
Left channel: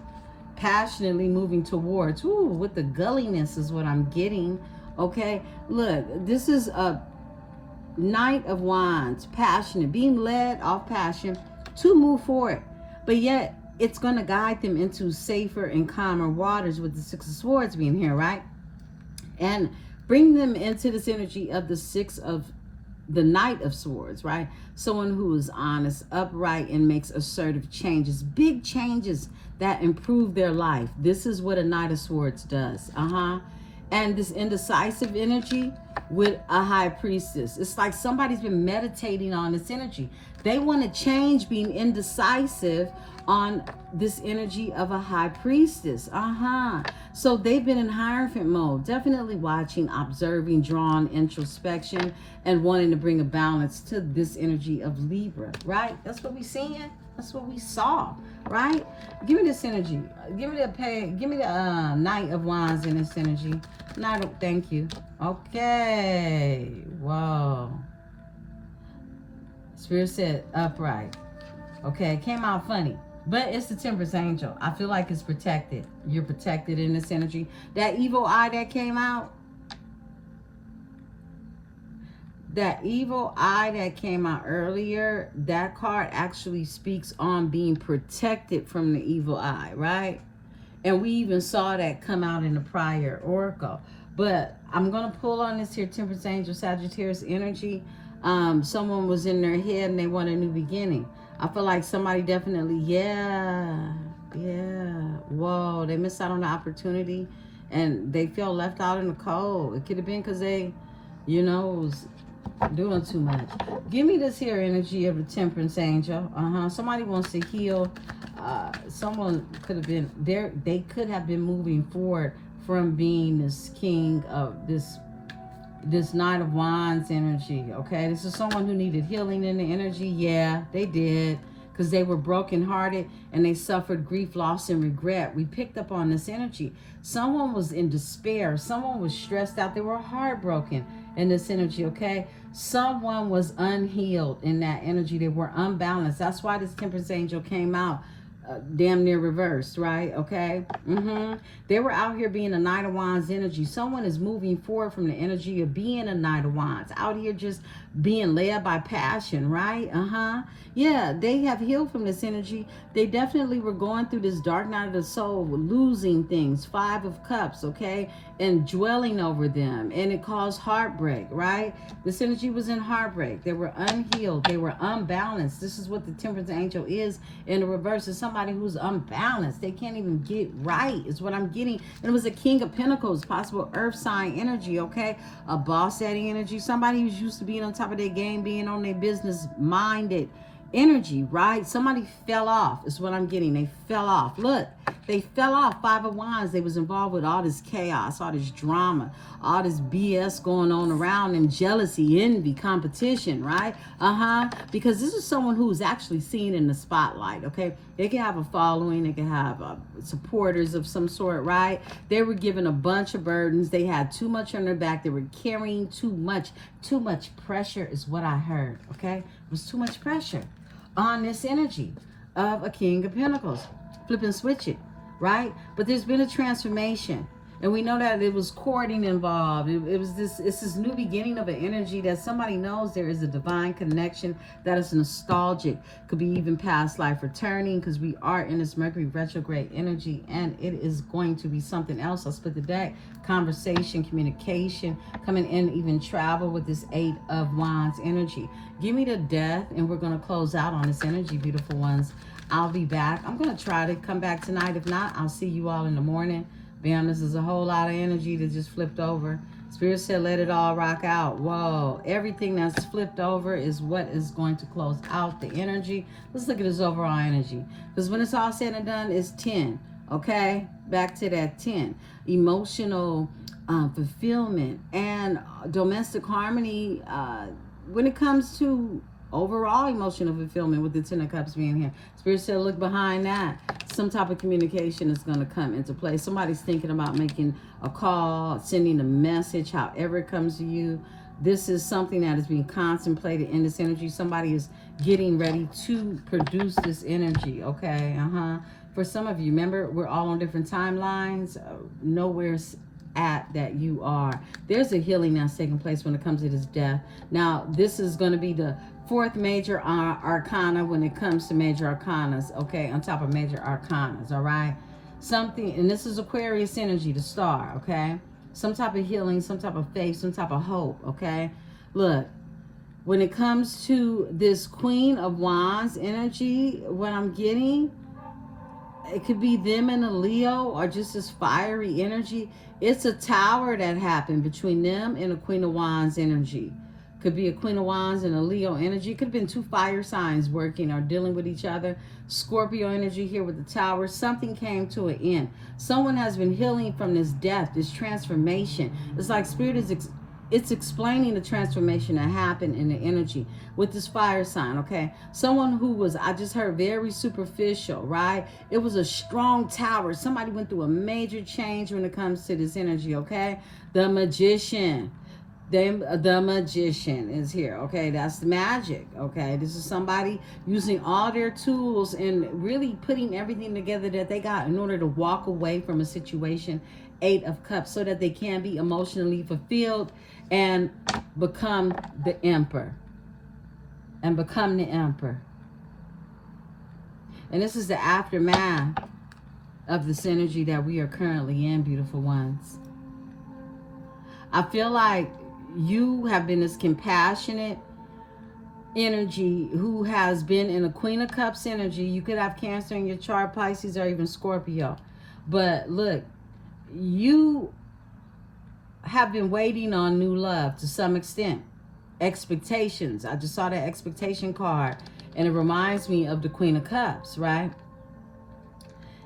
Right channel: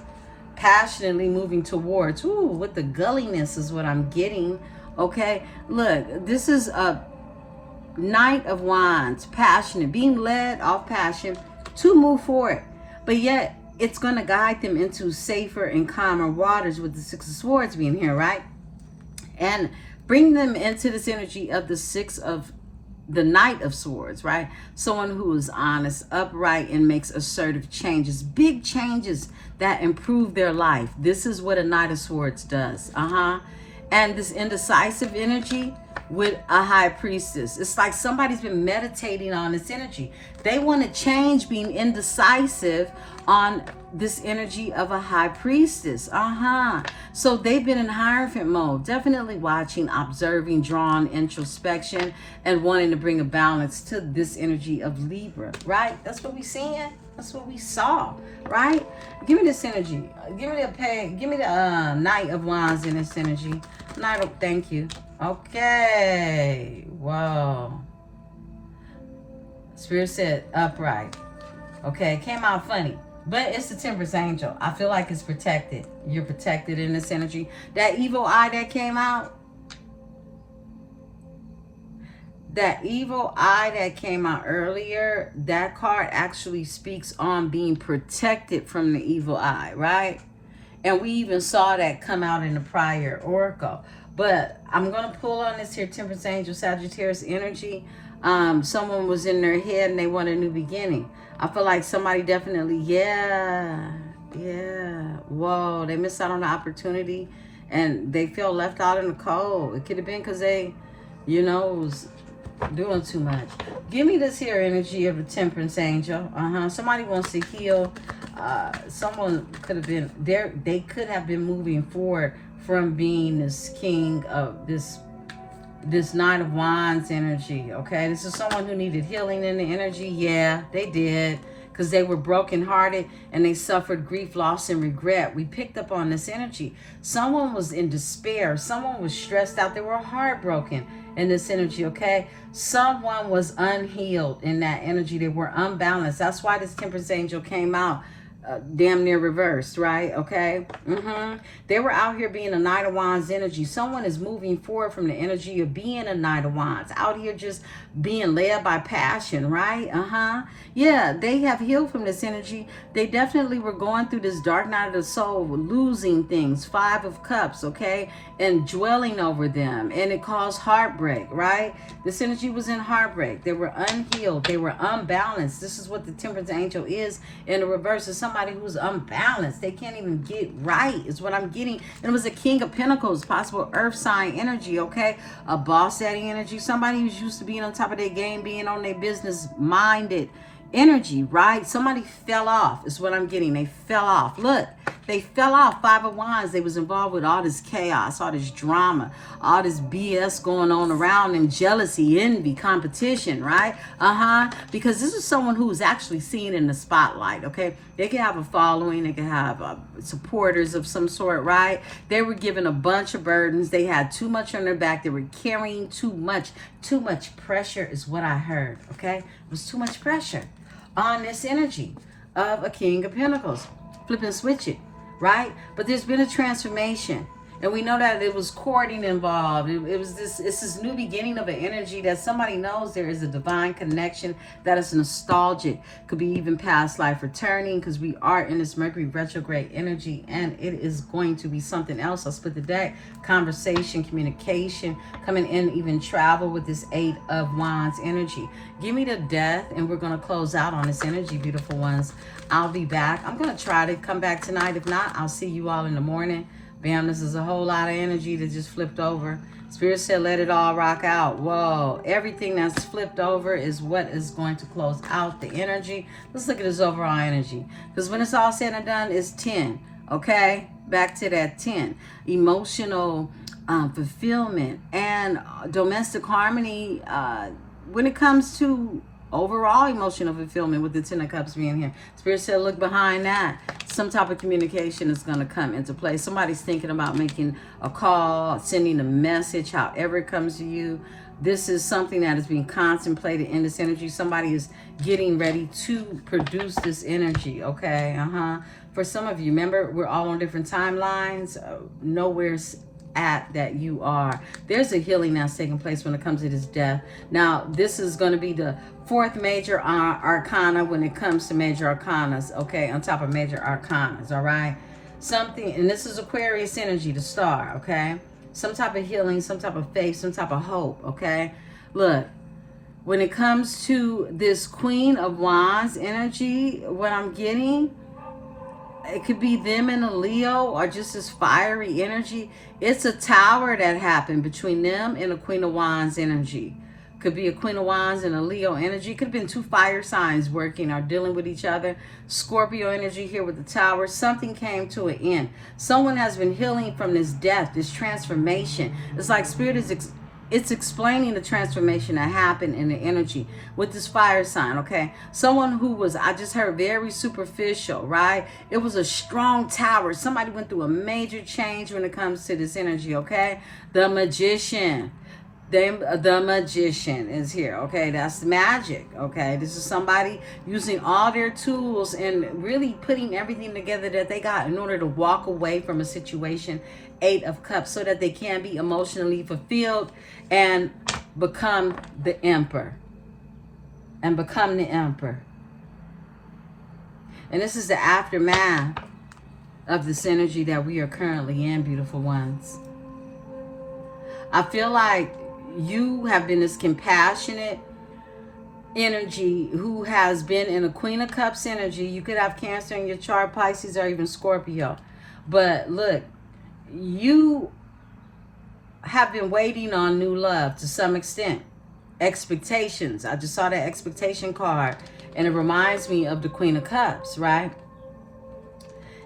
Passionately moving towards. Ooh, with the gulliness is what I'm getting. Okay. Look, this is a Knight of Wands. Passionate. Being led off passion to move forward. But yet, it's going to guide them into safer and calmer waters with the Six of Swords being here, right? And bring them into this energy of the Knight of Swords, right? Someone who is honest, upright, and makes assertive changes. Big changes that improve their life. This is what a Knight of Swords does. And this indecisive energy with a High Priestess. It's like somebody's been meditating on this energy. They want to change being indecisive on this energy of a High Priestess. So they've been in Hierophant mode, definitely watching, observing, drawing, introspection, and wanting to bring a balance to this energy of Libra, right? That's what we're seeing. That's what we saw, right? Give me this energy. Give me the Knight of Wands in this energy. Knight of, thank you. Okay. Whoa. Spirit said upright. Okay, it came out funny. But it's the Temperance Angel. I feel like it's protected. You're protected in this energy. That evil eye that came out. That evil eye that came out earlier. That card actually speaks on being protected from the evil eye, right? And we even saw that come out in the prior oracle. But I'm going to pull on this here Temperance Angel, Sagittarius energy. Someone was in their head and they want a new beginning. I feel like somebody definitely, whoa, they missed out on the opportunity and they feel left out in the cold. It could have been because they, was doing too much. Give me this here energy of the Temperance Angel. Somebody wants to heal. Someone could have been there. They could have been moving forward from being this king of this Knight of Wands energy, okay? This is someone who needed healing in the energy. Yeah, they did, because they were brokenhearted and they suffered grief, loss, and regret. We picked up on this energy. Someone was in despair. Someone was stressed out. They were heartbroken. in this energy, okay? Someone was unhealed in that energy. They were unbalanced. That's why this Temperance angel came out damn near reversed, right? Okay. They were out here being a Knight of Wands energy. Someone is moving forward from the energy of being a Knight of Wands, out here just being led by passion, right? Yeah, they have healed from this energy. They definitely were going through this dark night of the soul, losing things, 5 of Cups, okay, and dwelling over them, and it caused heartbreak, right? This energy was in heartbreak. They were unhealed. They were unbalanced. This is what the Temperance angel is in the reverse. Is somebody who's unbalanced. They can't even get right, is what I'm getting. And it was a King of Pentacles, possible earth sign energy, okay? A boss daddy energy. Somebody who's used to being on top of their game, being on their business minded energy, right? Somebody fell off is what I'm getting. They fell off. Look, they fell off. 5 of Wands. They was involved with all this chaos, all this drama, all this BS going on around, and jealousy, envy, competition, right? Because this is someone who's actually seen in the spotlight, okay? They can have a following. They can have supporters of some sort, right? They were given a bunch of burdens. They had too much on their back. They were carrying too much. Too much pressure is what I heard, okay? It was too much pressure on this energy of a King of Pentacles. Flip and switch it, right? But there's been a transformation. And we know that it was courting involved. It's this new beginning of an energy that somebody knows there is a divine connection that is nostalgic. Could be even past life returning, because we are in this Mercury retrograde energy, and it is going to be something else. I'll split the deck. Conversation, communication, coming in, even travel with this 8 of Wands energy. Give me the Death, and we're going to close out on this energy, beautiful ones. I'll be back. I'm going to try to come back tonight. If not, I'll see you all in the morning. Bam, this is a whole lot of energy that just flipped over. Spirit said, let it all rock out. Whoa, everything that's flipped over is what is going to close out the energy. Let's look at this overall energy. Because when it's all said and done, it's 10, okay? Back to that 10. Emotional fulfillment and domestic harmony when it comes to overall emotional fulfillment, with the 10 of Cups being here. Spirit said, look behind that. Some type of communication is going to come into play. Somebody's thinking about making a call, sending a message, however it comes to you. This is something that is being contemplated in this energy. Somebody is getting ready to produce this energy, okay? For some of you, remember, we're all on different timelines. Nowhere's at that you are. There's a healing that's taking place when it comes to this death. Now, this is going to be the 4th major arcana when it comes to major arcanas, okay, on top of major arcanas, all right? Something, and this is Aquarius energy, the star, okay? Some type of healing, some type of faith, some type of hope, okay? Look, when it comes to this Queen of Wands energy, what I'm getting, it could be them and a Leo, or just this fiery energy. It's a tower that happened between them and a Queen of Wands energy. Could be a Queen of Wands and a Leo energy. Could have been 2 fire signs working or dealing with each other. Scorpio energy here with the tower. Something came to an end. Someone has been healing from this death, this transformation. It's like Spirit is it's explaining the transformation that happened in the energy with this fire sign, okay? Someone who was, I just heard, very superficial, right? It was a strong tower. Somebody went through a major change when it comes to this energy, okay? The Magician. The Magician is here, okay? That's the magic, okay? This is somebody using all their tools and really putting everything together that they got in order to walk away from a situation. 8 of Cups, so that they can be emotionally fulfilled and become the Emperor. And become the Emperor. And this is the aftermath of this energy that we are currently in, beautiful ones. I feel like you have been this compassionate energy who has been in a Queen of Cups energy. You could have Cancer in your chart, Pisces, or even Scorpio. But look, you have been waiting on new love to some extent. Expectations. I just saw that expectation card, and it reminds me of the Queen of Cups, right?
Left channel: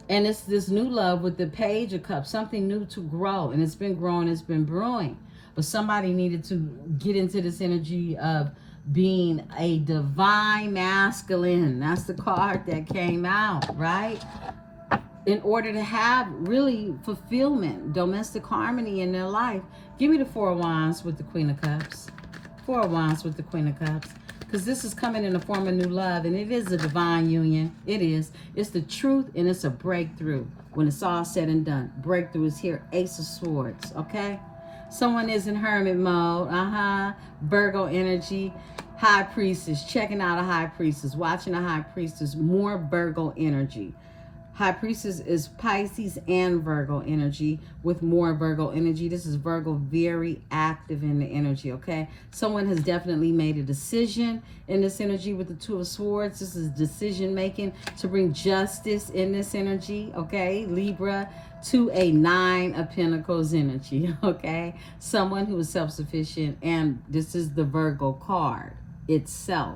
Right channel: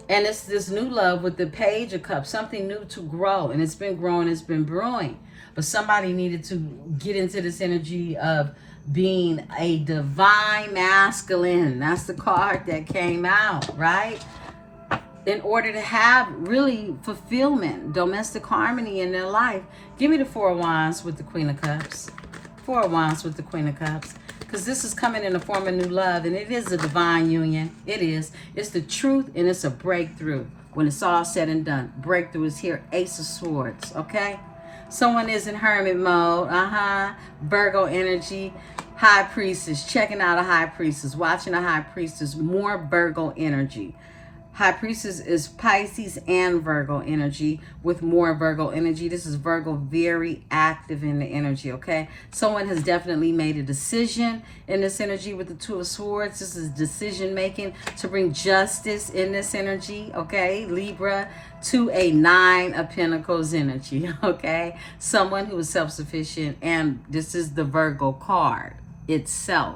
And it's this new love with the Page of Cups, something new to grow, and it's been growing, it's been brewing. But somebody needed to get into this energy of being a divine masculine. That's the card that came out, right? in order to have really fulfillment, domestic harmony in their life. Give me the Four of Wands with the Queen of Cups. Four of Wands with the Queen of Cups. Because this is coming in the form of new love, and it is a divine union. It is. It's the truth, and it's a breakthrough. When it's all said and done, breakthrough is here. Ace of Swords, okay? Someone is in hermit mode. Virgo energy. High Priestess. Checking out a High Priestess. Watching a High Priestess. More Virgo energy. High Priestess is Pisces and Virgo energy with more Virgo energy. This is Virgo very active in the energy, okay? Someone has definitely made a decision in this energy with the Two of Swords. This is decision making to bring justice in this energy, okay? Libra, to a Nine of Pentacles energy, okay? Someone who is self-sufficient, and this is the Virgo card itself.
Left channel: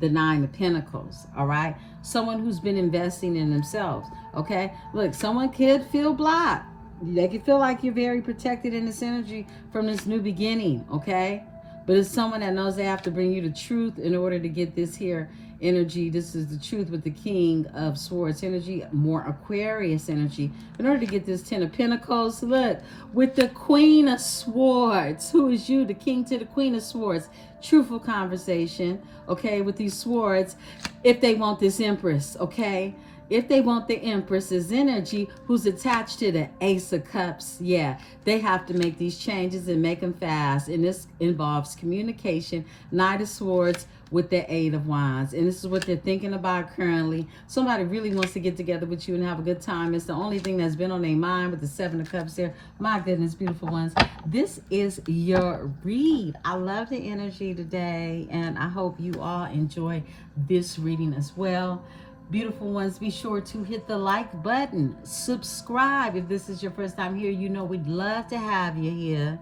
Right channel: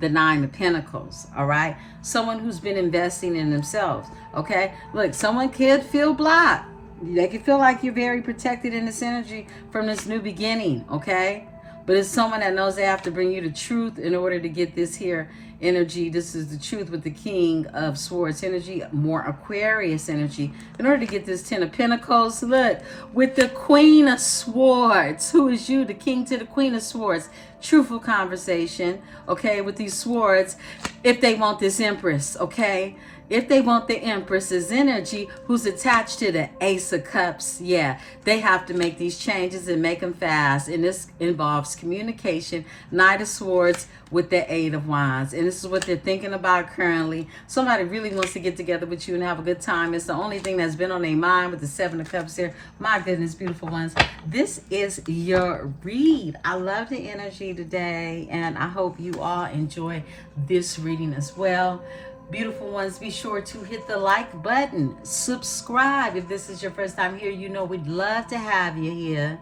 The Nine of Pentacles, all right? Someone who's been investing in themselves, okay? Look, someone could feel blocked. They can feel like you're very protected in this energy from this new beginning, okay? But it's someone that knows they have to bring you the truth in order to get this here energy. This is the truth with the King of Swords energy, more Aquarius energy. In order to get this Ten of Pentacles, look, with the Queen of Swords. Who is you? The King to the Queen of Swords. Truthful conversation, okay, with these swords. If they want this Empress, okay? If they want the Empress's energy, who's attached to the Ace of Cups, yeah, they have to make these changes and make them fast. And this involves communication. Knight of Swords with the Eight of Wands. And this is what they're thinking about currently. Somebody really wants to get together with you and have a good time. It's the only thing that's been on their mind with the Seven of Cups here. My goodness, beautiful ones. This is your read. I love the energy today, and I hope you all enjoy this reading as well. Beautiful ones, be sure to hit the like button. Subscribe if this is your first time here. You know we'd love to have you here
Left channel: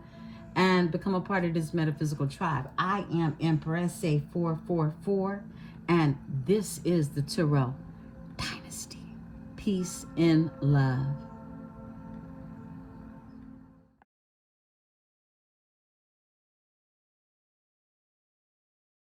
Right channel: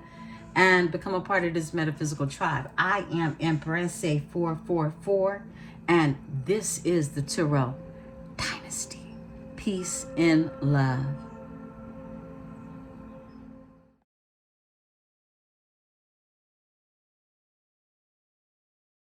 and become a part of this metaphysical tribe. I am Emperesse 444, and this is the Tarot Dynasty. Peace and love.